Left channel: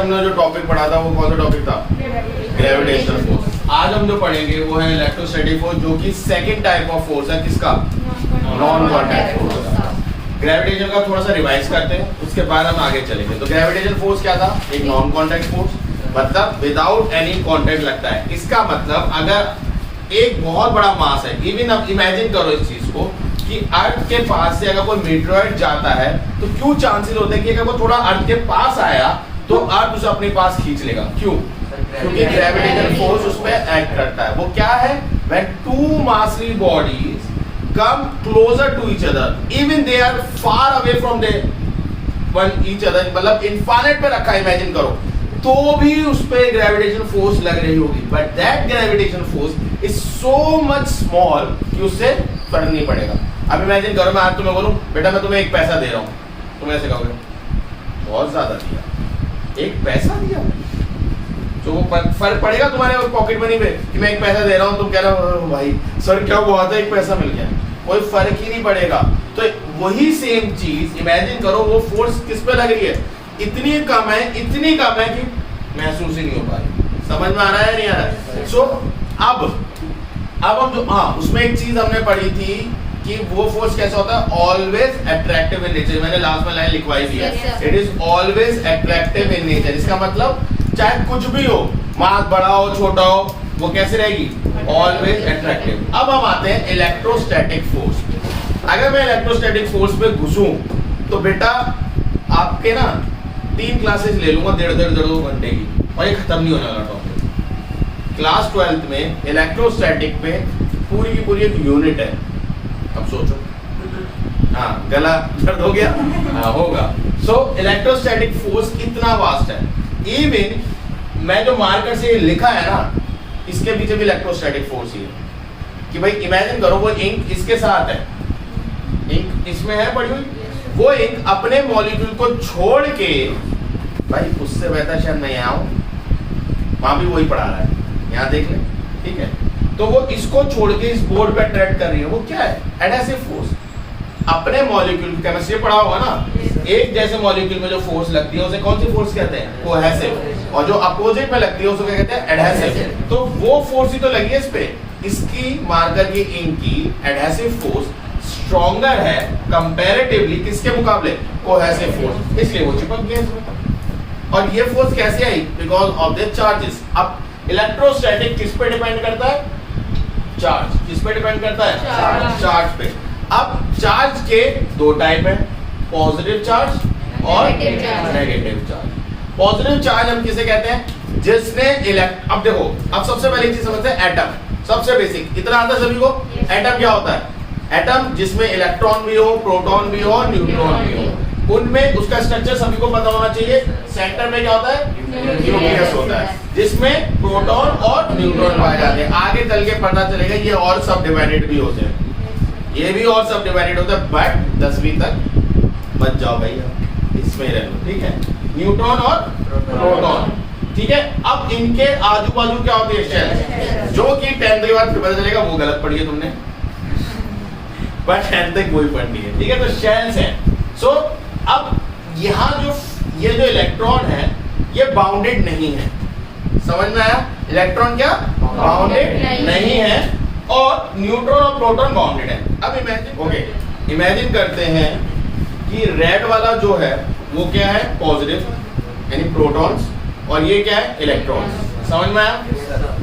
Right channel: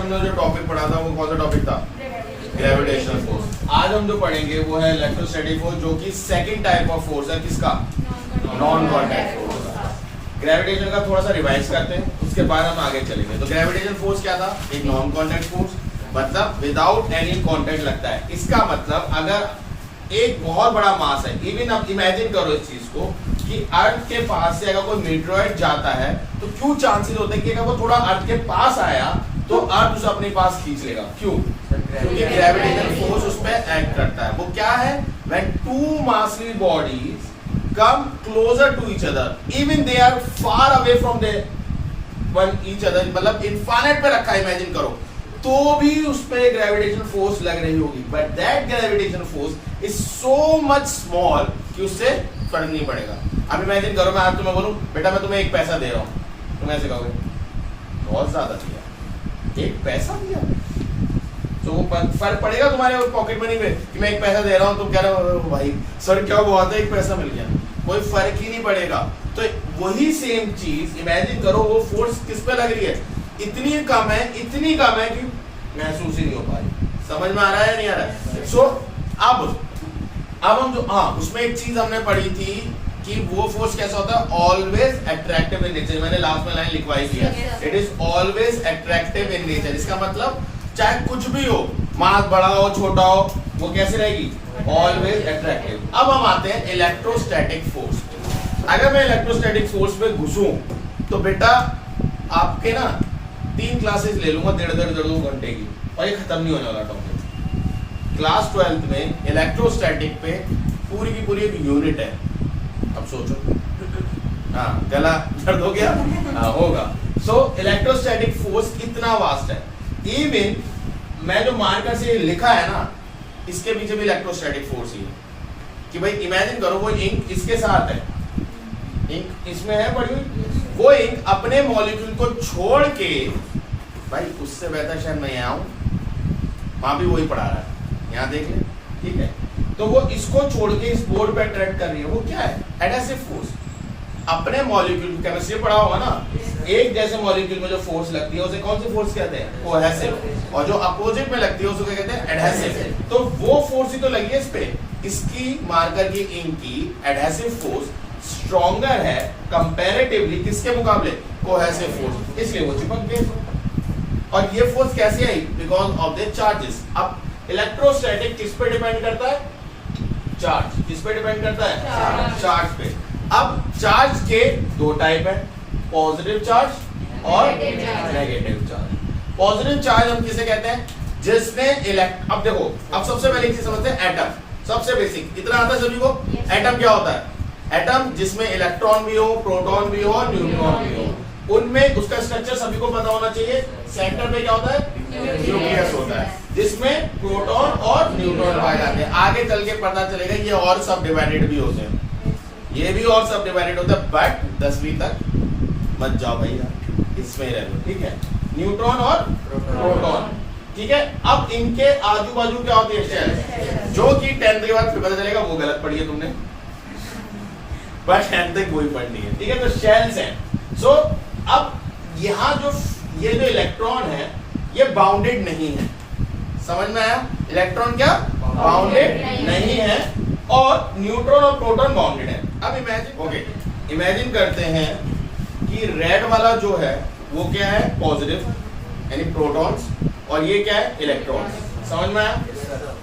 हमने जो टॉपिक पढ़ा था वो कौन सा टॉपिक था? Gravitational force. आज हम जो पढ़ेंगे वो है इलेक्ट्रोस्टैटिक फोर्स, जो कि सेकंड टाइप ऑफ फोर्स है। किसका? नॉन कॉन्टैक्ट फोर्स का। ग्रेविटेशन का थोड़ा सा रिवाइज करते हैं, उसके बाद हम आगे चलेंगे। तो ग्रेविटेशनल फोर्स क्या था? एक नॉन कॉन्टैक्ट फोर्स, मतलब विदाउट एनी कॉन्टैक्ट लगता है। इसका मतलब अगर एक बहुत बड़ा मास है, इवन अब इमेजिन करो इस चीज को कि अर्थ के पास से अगर कोई मीटरॉइड जाता है तो क्यों चांसेस होते हैं कि अगर वो थोड़ा अर्थ के पास आया तो अर्थ उसे अपने पास खींच लेगा। क्यों? क्योंकि ग्रेविटेशनल फोर्स उस पर एक्ट करता है। वो क्या है? When two massive bodies come closer to each other even they are far away from the one each other, मतलब इनफाइनाइट पे रखा है इमेजिन करो, तो भी उस पे ग्रेविटेशन फोर्स लग रही होगी, but that gravitation force is so much small कि उससे फर्क नहीं पड़ेगा। अब इमेजिन करो मैं आज तुम्हें बोलूं बेटा मैं तुम्हें 1 पैसा दे रहा हूं, तुम ऐसे कहोगे बहुत ज्यादा दिया, 1 पैसा दिया, तो वो फर्क पड़ेगा तुम्हारे पॉकेट मनी पे कि मैं 1 पैसा दे रहा हूँ, तुम कह रहे हो भाई सर क्या हुआ था 1 पैसा मिल गया, कोई फर्क ही नहीं पड़ेगा। तो वही सेम चीज इमेजिन करो वो फोर्स किस पे लग रही है, इतनी कम है कि महसूस ही नहीं हो पा रही। समझ में आ रहा है नहीं आ रहा है? सो अब हम जो उसमें एक चीज हमने पढ़ी थी कि वो फोर्स कैसा होता है, ऑलवेज अट्रैक्टिव इन नेचर। मैंने लास्ट में लाइन लिखवाई दी है, it is always attractive in nature. इसका मतलब चाहे कुछ भी हो, मास बड़ा हो छोटा हो, वो कैसे रहेगी? Always attractive. अब हम आते हैं इलेक्ट्रोस्टैटिक फोर्स। अगर मैं इलेक्ट्रोस्टैटिक फोर्स पे घुसूं तो बेटा आपके ना 3 क्लासेस ले लूंगा 1.5-2 घंटे की, और ये खत्म नहीं होने वाला टॉपिक। क्लास 12th में इलेक्ट्रोस्टैटिक पे पूरी की पूरी एक यूनिट है। अब सोचो, गला दर्द हो गया? होगा। सो इलेक्ट्रोस्टैटिक फोर्स इतना वास्ट है, इवन मैं जो मार्कर से लिखा है ना, इसके पीछे भी इलेक्ट्रोस्टैटिक फोर्स ही है। कि भाई इमेजिन करो वो इंक इसके साथ है, इंक इसमें है पड़ी हुई, वो इंक अपने मॉलिक्यूल को छोड़ के, भाई उससे बेहतर शायद मैं यहाँ हूँ, वहां भी वही पढ़ा रहा है, यहाँ देख ले, ठीक है। तो वो इसको छोड़ के इस बोर्ड पे अट्रैक्ट कर रही है, वो क्या है? Adhesive force. अपने मॉलिक्यूल, केमिस्ट्री पढ़ा होगा ना, एक जैसे मॉलिक्यूल में जो फोर्स लगती है उसे कौन सी फोर्स कहते हैं? कोहेसिव। और जो अपोजिट में लगती है उसको क्या कहते हैं? एडहेसिव। तो वो फोर्स ही तो लगी है इस पे, इसकी मार्कर की इंक की एडहेसिव फोर्स स्ट्रॉन्गर है कंपैरेटिवली किसके मुकाबले? कोहेसिव फोर्स, इसलिए वो चिपक गए इसमें। और ये फोर्स कैसे आई? Because of the charges. अब इलेक्ट्रोस्टैटिक किस पे डिपेंड करता है? चार्ज। किस पे डिपेंड करता है? चार्ज पे। अब चार्ज के 2 टाइप है, पॉजिटिव चार्ज और नेगेटिव चार्ज। पॉजिटिव चार्ज हम किसे कहते हैं? जिसने अब देखो, अब सबसे पहली चीज समझते हैं एटम। सबसे बेसिक इतना आता है सभी को, एटम क्या होता है? एटम जिसमें इलेक्ट्रॉन भी हो, प्रोटॉन भी हो, न्यूट्रॉन भी हो, उनमें उसका स्ट्रक्चर सभी को पता होना चाहिए। सेंटर में क्या होता है? न्यूक्लियस होता है, जिसमें प्रोटॉन और न्यूट्रॉन पाए जाते हैं। आगे चल के पता चलेगा ये और सब डिवाइडेड भी होते हैं, ये भी और सब डिवाइडेड होता है, बट 10वीं तक बच जाओ भैया, इसमें ही रह लो, ठीक है। न्यूट्रॉन और प्रोटॉन, ठीक है। अब इनके आजू बाजू क्या होते हैं? शेल, जो कि 10th के बाद पता चलेगा वो गलत पढ़ी है तुमने, पर 10th तक वही पढ़नी है, ठीक है। तो शेल्स हैं। सो अब यहाँ जो ये जो इलेक्ट्रॉन है ये बाउंडेड नहीं है, समझ में आया? इलेक्ट्रॉन क्या बाउंडेड नहीं है, और न्यूट्रॉन और प्रोटॉन बाउंडेड है। अब इमेजिन करते हैं कि रेड वाला जो है वो क्या है? पॉजिटिव यानी प्रोटॉन्स, और ये क्या है? इलेक्ट्रॉन्स। समझ में आया?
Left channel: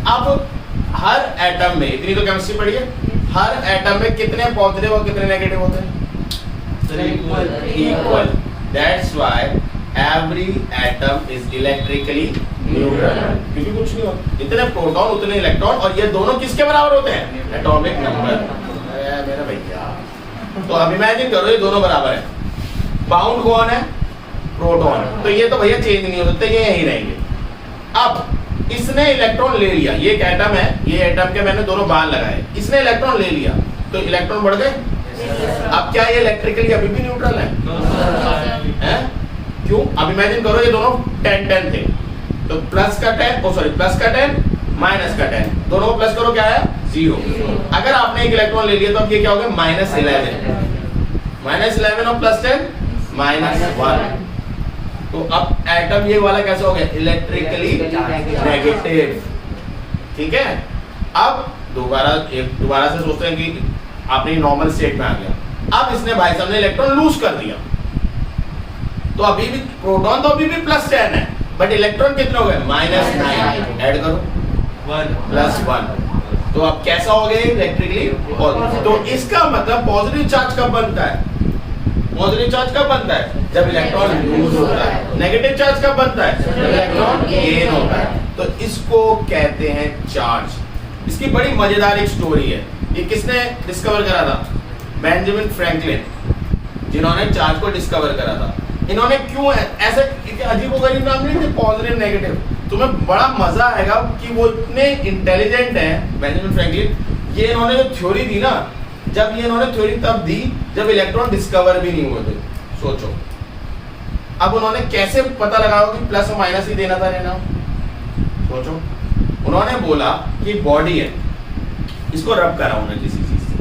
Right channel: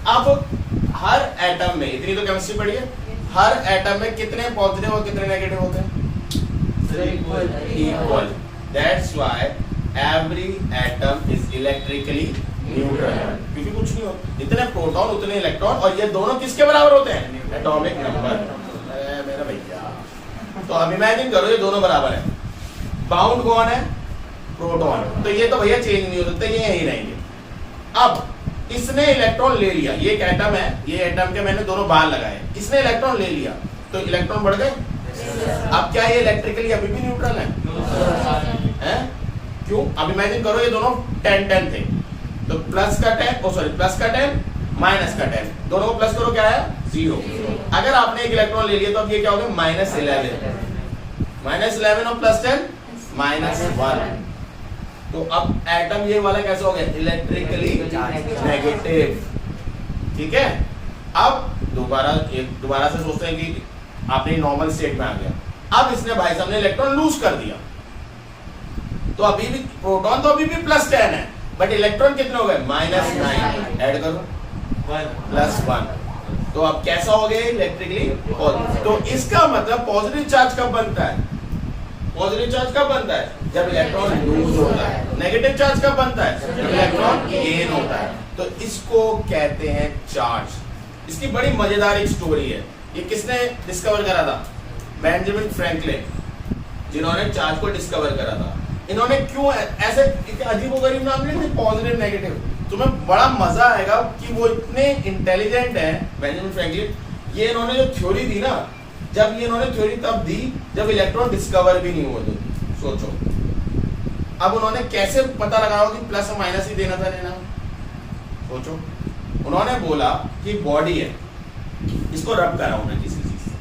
अब हर एटम में, इतनी तो केमिस्ट्री पढ़ी है, हर एटम में कितने पॉजिटिव और कितने नेगेटिव होते हैं? Equal. That's why every atom is electrically neutral, क्योंकि कुछ नहीं होता, इतने प्रोटॉन उतने इलेक्ट्रॉन, और ये दोनों किसके बराबर होते हैं? Atomic number. मेरा भैया, तो अब इमेजिन करो ये दोनों बराबर है, बाउंड कौन है? प्रोटॉन। तो ये तो भैया चेंज नहीं हो सकते, ये यहीं रहेंगे। अब इसने इलेक्ट्रॉन ले लिया, ये एक एटम है, ये एटम के मैंने दोनों बार लगाए, इसने इलेक्ट्रॉन ले लिया, तो इलेक्ट्रॉन बढ़ गए। अब क्या ये इलेक्ट्रिकली अभी भी न्यूट्रल है? क्यों? अब इमेजिन करो ये दोनों 10-10 थे, तो प्लस का 10 माइनस का 10, दोनों को प्लस करो, क्या है? 0। अगर आपने एक इलेक्ट्रॉन ले लिया तो अब ये क्या हो गया? -11 और +10 -1। तो अब एटम ये वाला कैसा हो गया, इलेक्ट्रिकली नेगेटिव। ठीक है, अब दोबारा से सोचते हैं कि आपने नॉर्मल स्टेट में आ गया। अब इसने भाई साहब ने इलेक्ट्रॉन लूज कर दिया, तो अभी भी प्रोटॉन तो अभी भी +10 है, बट इलेक्ट्रॉन कितने हो गए, -9। ऐड करो +1, तो अब कैसा हो गया इलेक्ट्रिकली पॉजिटिव। तो इसका मतलब पॉजिटिव चार्ज कब बनता है, पॉजिटिव चार्ज कब बनता है, जब इलेक्ट्रॉन लूज होता है। नेगेटिव चार्ज कब बनता है, जब इलेक्ट्रॉन गेन होता है। तो इसको कहते हैं चार्ज। इसकी बड़ी मजेदार एक स्टोरी है। ये किसने डिस्कवर करा था, बेंजामिन फ्रैंकलिन, जिन्होंने चार्ज को डिस्कवर करा था। इन्होंने क्यों ऐसे अजीबोगरीब नाम नहीं थे, पॉजिटिव नेगेटिव। तुम्हें बड़ा मजा आएगा कि वो इतने इंटेलिजेंट हैं बेंजामिन फ्रैंकलिन। ये इन्होंने जो थ्योरी दी ना, जब ये इन्होंने थ्योरी तब दी जब इलेक्ट्रॉन डिस्कवर भी नहीं हुए थे। सोचो अब उन्होंने कैसे पता लगाया कि प्लस और माइनस ही देना था लेना। सोचो, उन्होंने बोला कि बॉडी है, इसको रब करा उन्होंने किसी चीज से,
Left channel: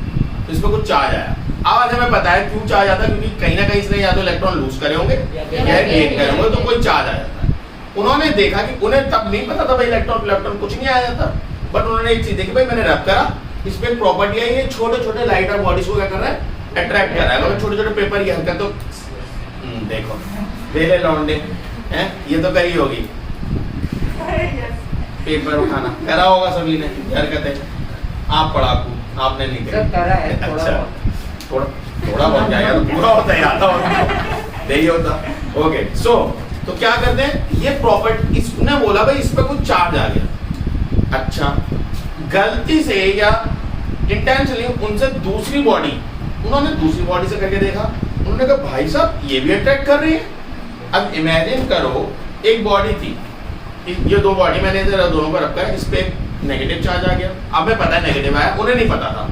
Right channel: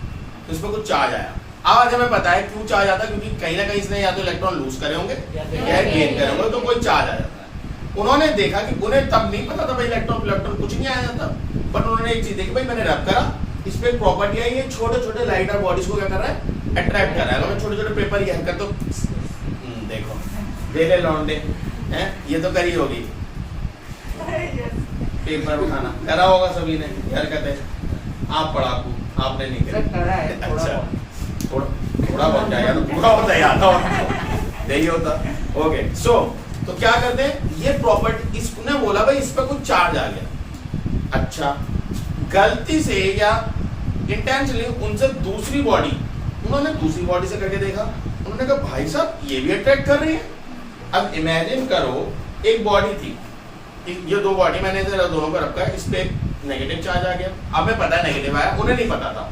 तो इस पर कुछ चार्ज आया। आज हमें पता है क्यों चार्ज आता है, क्योंकि कहीं ना कहीं इसने या तो इलेक्ट्रॉन लूज करे होंगे या गेन करे होंगे, तो कोई चार्ज आ जाता है। उन्होंने देखा कि उन्हें तब नहीं पता था भाई इलेक्ट्रॉन कुछ नहीं आया था, बट उन्होंने एक चीज देखी, भाई मैंने रब करा, इस पे एक प्रॉपर्टी है, ये छोटे छोटे लाइटर बॉडीज को क्या कर रहा है, अट्रैक्ट कर रहा है। अगर छोटे छोटे पेपर की हरकत, तो देखो बेले लौंडे हैं, ये तो करी होगी पेपर उठाना, करा होगा सभी ने हरकत है। आप पढ़ाकू, आपने नहीं करी। अच्छा, थोड़ा बहुत क्या यार, पूरा होता है, आता होता नहीं होता। ओके, सो तो क्या करते हैं, ये प्रॉपर्टी इसने बोला भाई इस पे कुछ चार्ज आ गया। अच्छा, गलती से या इंटेंशनली उनसे दूसरी बॉडी, उन्होंने दूसरी बॉडी से करके देखा, उन्होंने कहा भाई साहब ये भी अट्रैक्ट कर रही है। अब इमेजिन करो एक बॉडी थी, ये दो बॉडी मैंने दोनों को रखा है, इस पे नेगेटिव चार्ज आ गया, अब मैं पता है नेगेटिव आया, उन्हें नहीं पता था,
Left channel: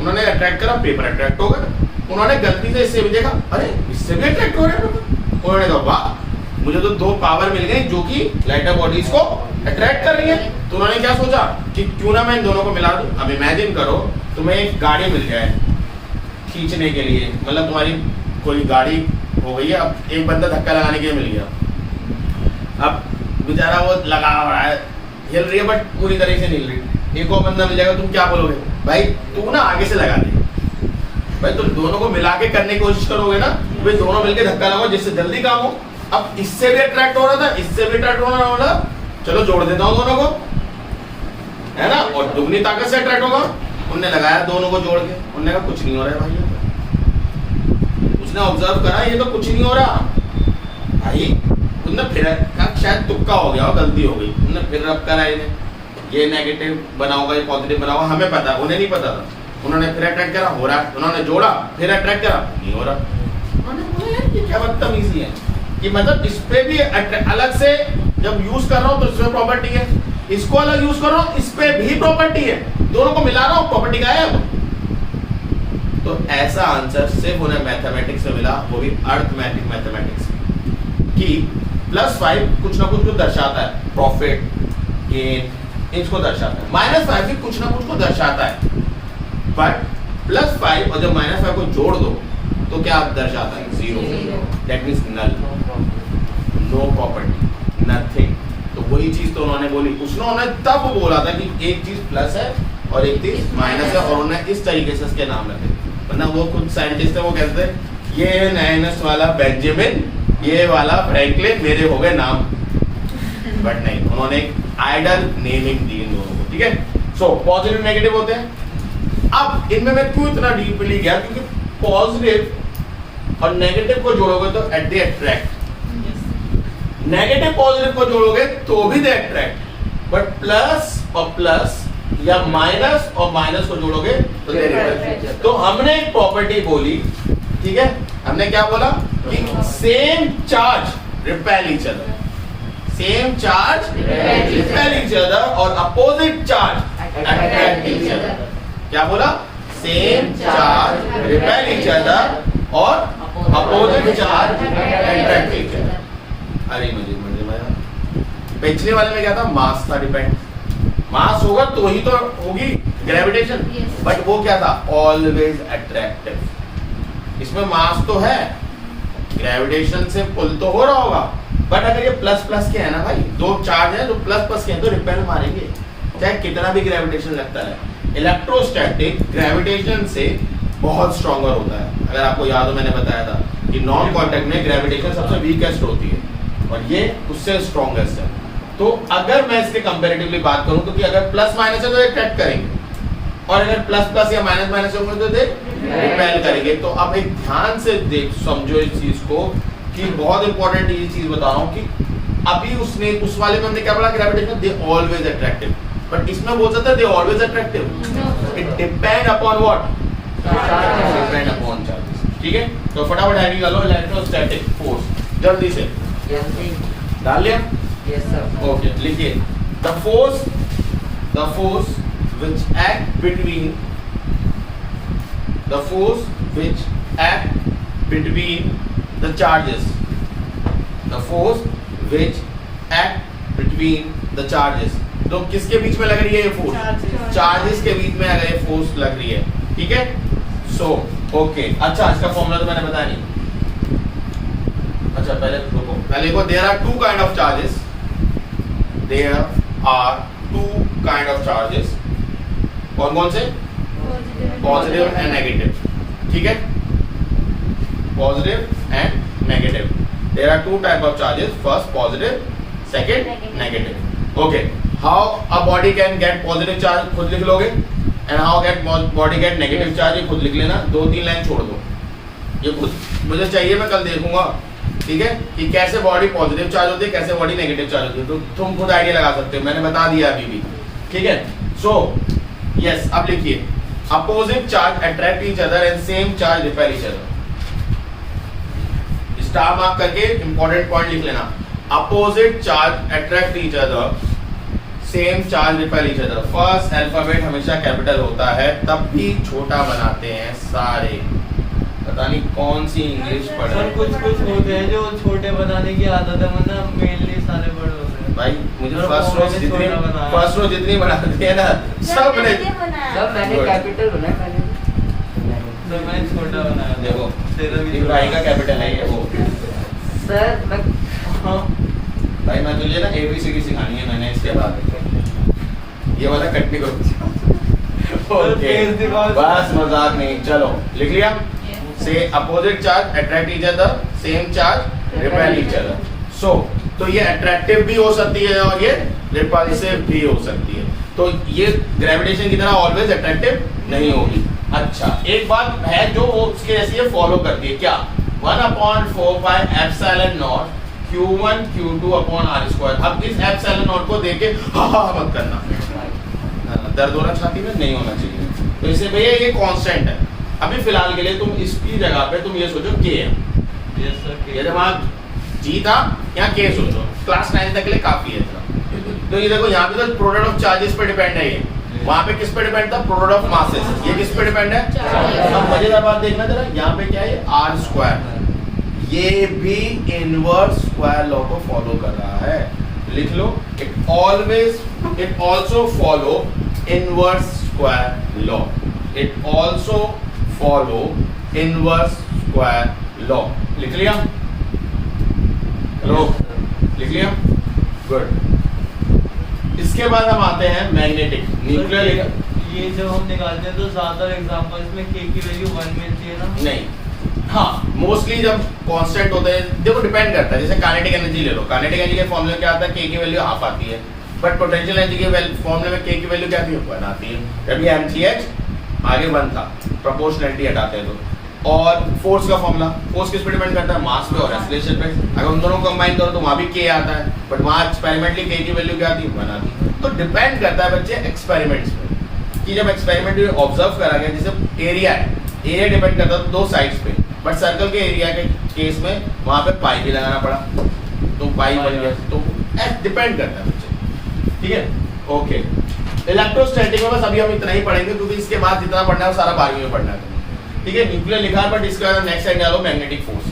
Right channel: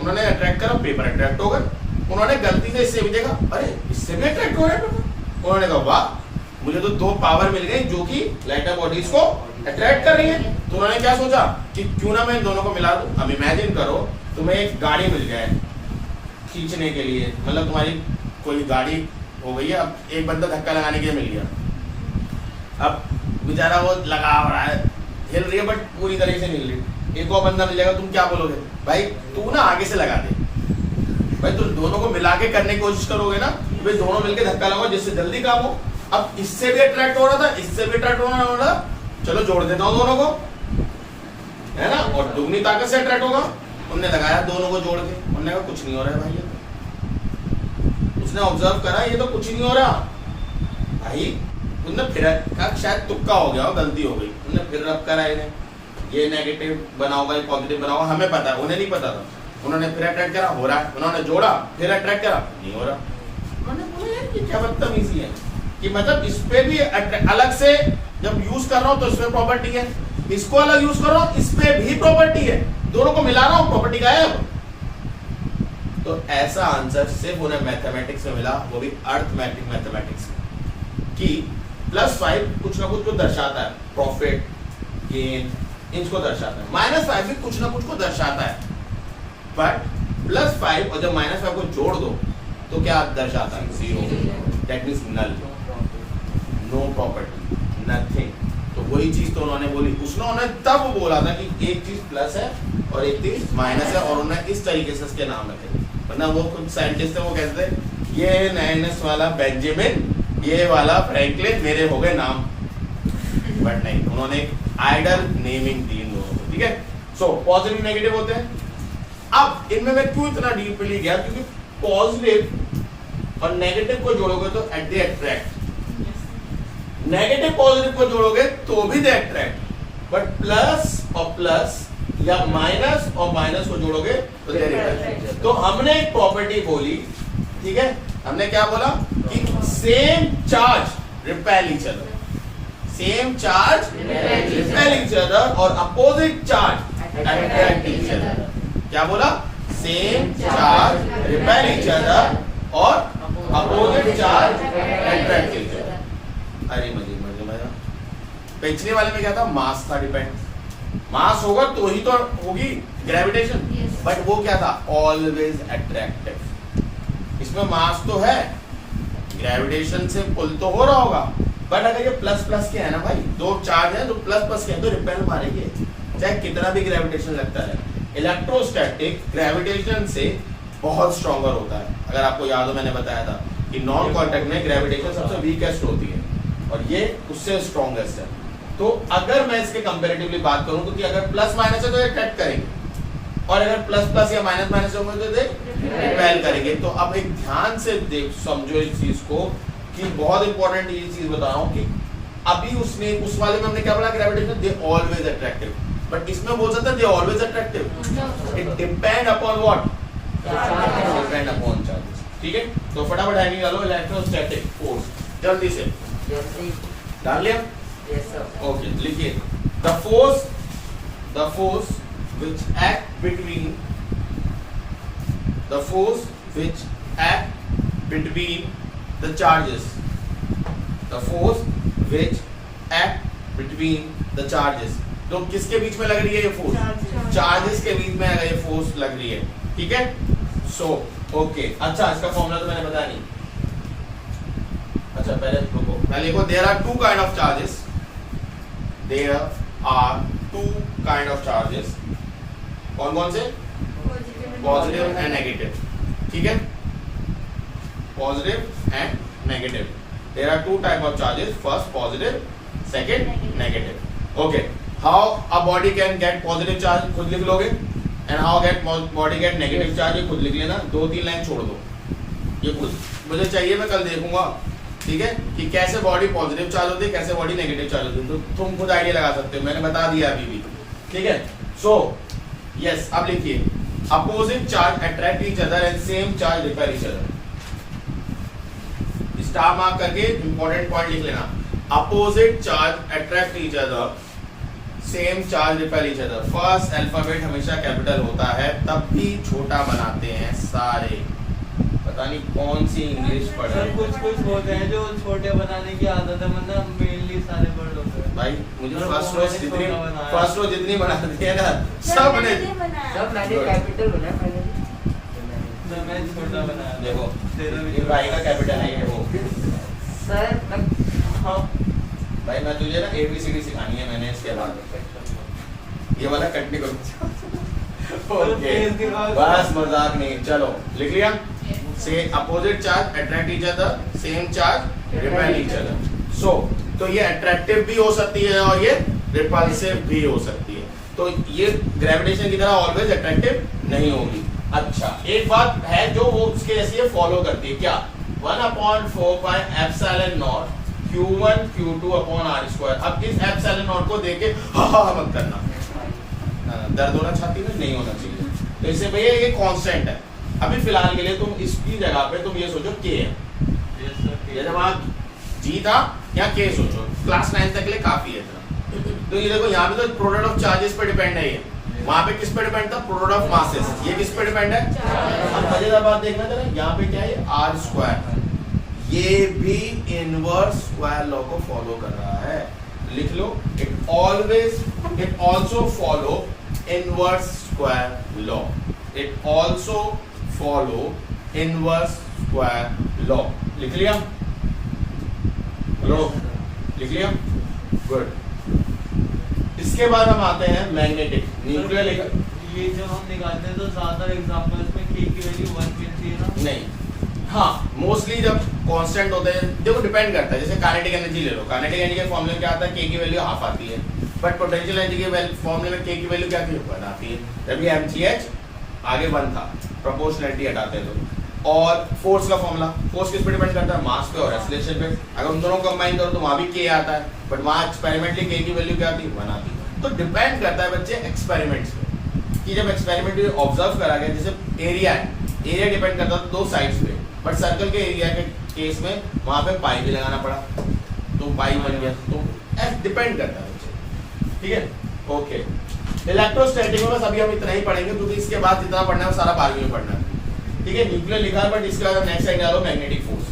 उन्होंने अट्रैक्ट करा, पेपर अट्रैक्ट हो गए। उन्होंने गलती से इससे भी देखा, अरे इससे भी अट्रैक्ट हो रहे हैं पेपर। उन्होंने कहा वाह, मुझे तो दो पावर मिल गई जो कि लाइटर बॉडीज को अट्रैक्ट कर रही है। तो उन्होंने क्या सोचा कि क्यों ना मैं इन दोनों को मिला दूं। अब इमेजिन करो तुम्हें एक गाड़ी मिल जाए खींचने के लिए, मतलब तुम्हारी कोई गाड़ी हो गई है, अब एक बंदा धक्का लगाने के लिए मिल गया, अब बेचारा वो लगा रहा है, हिल रही है बट पूरी तरह से नहीं हिल रही, एक और बंदा मिल जाएगा, तुम क्या बोलोगे, भाई तू ना आगे से लगा दे। भाई तुम दोनों को मिला के करने की कोशिश करोगे ना, भाई दोनों मिलके धक्का लगाओ जिससे जल्दी काम हो। अब इससे भी अट्रैक्ट हो रहा था, इससे भी अट्रैक्ट होना वाला, चलो जोड़ देता हूँ दोनों को, है ना, और दुगनी ताकत से अट्रैक्ट होगा। उनने लगाया दोनों को जोड़ के, उन्होंने कहा कुछ नहीं हो रहा है भाई। उसने ऑब्जर्व करा ये तो कुछ नहीं हो रहा भाई, उनने फिर कहा शायद तुक्का हो गया हो, गलती हो गई। उन्होंने फिर रब करा इन्हें, ये नेगेटिव बना होगा, ये पॉजिटिव बना होगा, हमें पता है, उन्हें नहीं पता था। उन्होंने फिर अट्रैक्ट करा, हो रहा है, उन्होंने जोड़ा, फिर अट्रैक्ट करा, नहीं हो रहा। उन्होंने बोला यार ये क्या बदतमीजी है, कि मतलब इस पे भी अलग से जब यूज कर रहा हूँ तो इसमें प्रॉपर्टी है, इसको अलग यूज कर रहा हूँ इस पे भी प्रॉपर्टी है, दोनों को मिला रहा हूँ प्रॉपर्टी गायब। तो ऐसा आंसर सिर्फ उन्हें मैथमेटिक्स में मिला, वो भी अर्थमेटिक मैथमेटिक्स, कि +5 कुछ ना कुछ को दर्शाता है, प्रॉफिट गेन इसको दर्शाता है, -5 भी कुछ ना कुछ को दर्शाता है, बट +5 और जब -5 को जोड़ दो तो क्या दर्शाता है, 0। That means null, no property, nothing. तो वही चीज तो उन्होंने बोली, उन्होंने तब बोला था कि एक चीज प्लस है और एक चीज माइनस है, और उन्होंने इस तरीके से इसके नाम रखे। वरना वो कुछ साइंटिस्ट है, वो कहते थे ये नाइनस वाला बेंजामिन, ये वाला फ्रैंकलिन, मेरे हो गए नाम, बट नहीं, उन्होंने एक आइडल नेमिंग दी इन दोनों को। ठीक है, सो पॉजिटिव नेगेटिव होते हैं। अब इनमें मैं क्यों इतना डीपली गया, क्योंकि पॉजिटिव और नेगेटिव को जोड़ोगे तो at the attract, negative positive को जोड़ोगे तो भी दे अट्रैक्ट, बट प्लस और प्लस या माइनस और माइनस को जोड़ोगे तो दे रिपेल। तो हमने एक प्रॉपर्टी बोली, ठीक है, हमने क्या बोला कि same charge repel each other, same charge repel each other और opposite charge attract each other. क्या बोला, same charge repel each other और opposite charge attract each other. अरे मुझे पिछले वाले में क्या था, मास था, डिपेंड, मास होगा तो ही तो होगी ग्रेविटेशन, बट वो क्या था, ऑलवेज अट्रैक्टिव। इसमें मास तो है, ग्रेविटेशन से पुल तो हो रहा होगा, बट अगर ये प्लस प्लस के है ना भाई, दो चार्ज है जो प्लस प्लस के हैं तो रिपेल मारेंगे चाहे कितना भी ग्रेविटेशन लगता है। इलेक्ट्रोस्टैटिक ग्रेविटेशन से बहुत स्ट्रॉन्गर होता है। अगर आपको याद हो मैंने बताया था कि नॉन कांटेक्ट में ग्रेविटेशन सबसे वीकेस्ट होती है और ये उससे स्ट्रॉन्गेस्ट है। तो अगर मैं इसके कंपैरेटिवली बात करूं तो कि अगर प्लस माइनस है तो अट्रैक्ट करेंगे और अगर प्लस प्लस या माइनस माइनस होंगे तो रिपेल करेंगे। तो अब एक ध्यान से देख समझो इस चीज को कि बहुत इंपॉर्टेंट ये चीज बता रहा हूं कि अभी उसने उस वाले में हमने क्या बोला gravitation they always attractive, but इसमें बोल सकते हैं they always attractive. It depend upon what, depend upon charges. ठीक है, तो फटाफट हैवी कर लो इलेक्ट्रोस्टैटिक फोर्स जल्दी से डाल लिया। Yes sir. ओके लिखिए the force which act between the force which act between the charges, the force which act between the charges। तो किसके बीच में लग रही है ये फोर्स? चार्जेस के बीच में अगर ये फोर्स लग रही है, ठीक है। सो ओके, अच्छा इसका फॉर्मूला तो मैंने बताया नहीं। अच्छा पहले रुको, पहले देखो there are two kind of charges, there are two kind of charges. कौन कौन से? पॉजिटिव एंड नेगेटिव, ठीक है, positive and negative. There are two type of charges, first positive, second negative. Okay, how a body can get positive charge खुद लिख लोगे and how get body get negative charge ये खुद लिख लेना, दो तीन लाइन छोड़ दो, ये खुद मुझे चाहिए, मैं कल देखूंगा, ठीक है, कि कैसे बॉडी पॉजिटिव चार्ज होती है, कैसे बॉडी नेगेटिव चार्ज होती है, तो तुम खुद आइडिया लगा सकते हो, मैंने बता दिया अभी भी, ठीक है। सो यस, अब लिखिए opposite charge attract each other and same charge repel each other. Star mark करके इंपॉर्टेंट पॉइंट लिख लेना, opposite charge attract each other, same charge repel each other. First alphabet हमेशा कैपिटल होता है, तब भी छोटा बनाते हैं सारे। पता नहीं कौन सी इंग्लिश पढ़ रहे हैं, कुछ कुछ होते हैं जो छोटे बनाने की आदत है, मतलब मेनली सारे बड़े होते हैं भाई। मुझे फर्स्ट रो जितनी बनाती है ना सब ने, सब मैंने कैपिटल बनाया पहले, तो मैं छोटा बनाया। देखो तेरा भी इब्राहिम का कैपिटल है ये, वो सर मैं हाँ भाई मैं तुझे ना एबीसीडी सिखानी है मैंने, इसके बाद ये वाला कट नहीं करूंगा। ओके बस मजाक नहीं, चलो लिख लिया। से opposite charge attract each other, same charge repel each other. So तो ये अट्रैक्टिव भी हो सकती है और ये रिपल्सिव भी हो सकती है, तो ये ग्रेविटेशन की तरह ऑलवेज अट्रैक्टिव नहीं होगी। अच्छा एक बात है जो वो उसके जैसी फॉलो करती है, क्या? 1/4 epsilon not Q1 Q2 upon R square. अब इस एप्सिलॉन नॉट को देके हा मत करना, दर्द होना छाती में नहीं होना चाहिए। तो इससे भैया ये कांस्टेंट है, अभी फिलहाल के लिए तुम इसकी जगह पे तुम ये सोचो K है, ये जब G था यहाँ K सोचो, क्लास 9 तक के लिए काफी है इतना। तो ये देखो यहाँ पे तो प्रोडक्ट ऑफ चार्जेस पे डिपेंड है, ये वहाँ पे किस पे डिपेंड था? Product of masses. ये किस पे डिपेंड है? अब मजेदार बात देखना जरा, यहाँ पे क्या है? R स्क्वायर, ये भी इनवर्स स्क्वायर लॉ को फॉलो कर रहा है, लिख लो। It also follow inverse square law, it also follow inverse square law. लिख लिया? हेलो लिख लिया? गुड। इसके बाद हम आते हैं मैग्नेटिक न्यूक्लियर। ये जब हम निकालते हैं तो ज्यादा एग्जांपल्स में K की वैल्यू 1 मिलती है ना? नहीं, हाँ मोस्टली जब कांस्टेंट होते हैं, देखो डिपेंड करता है, जैसे काइनेटिक एनर्जी ले लो, काइनेटिक एनर्जी के फॉर्मूले में क्या आता है? K की वैल्यू हाफ आती है, बट पोटेंशियल एनर्जी के फॉर्मूले में K की वैल्यू क्या आती है? 1 आती है। जब ये mgh आगे 1 था, प्रोपोर्शनलिटी हटाते हैं तो। और फोर्स का फॉर्मूला, फोर्स किस पे डिपेंड करता है? मास पे और एक्सीलरेशन पे। अगर उन दोनों को कंबाइन करो तो वहाँ भी K आता है, बट वहाँ एक्सपेरिमेंटली K की वैल्यू क्या आती है? 1 आती है। तो डिपेंड करता है बच्चे एक्सपेरिमेंट्स पे, कि जब एक्सपेरिमेंट ऑब्जर्व करा गया, जैसे एरिया है, एरिया डिपेंड करता है दो साइड्स पे, बट सर्कल के एरिया के केस में वहाँ पे पाई भी लगाना पड़ा, तो पाई बन गया। तो डिपेंड करता है बच्चे, ठीक है। ओके, इलेक्ट्रोस्टैटिक में बस अभी हम इतना ही पढ़ेंगे, क्योंकि इसके बाद जितना पढ़ना है वो सारा 12वीं में पढ़ना है, ठीक है। न्यूक्लियर लिखा, बट इसके बाद नेक्स्ट साइड डालो मैग्नेटिक फोर्स,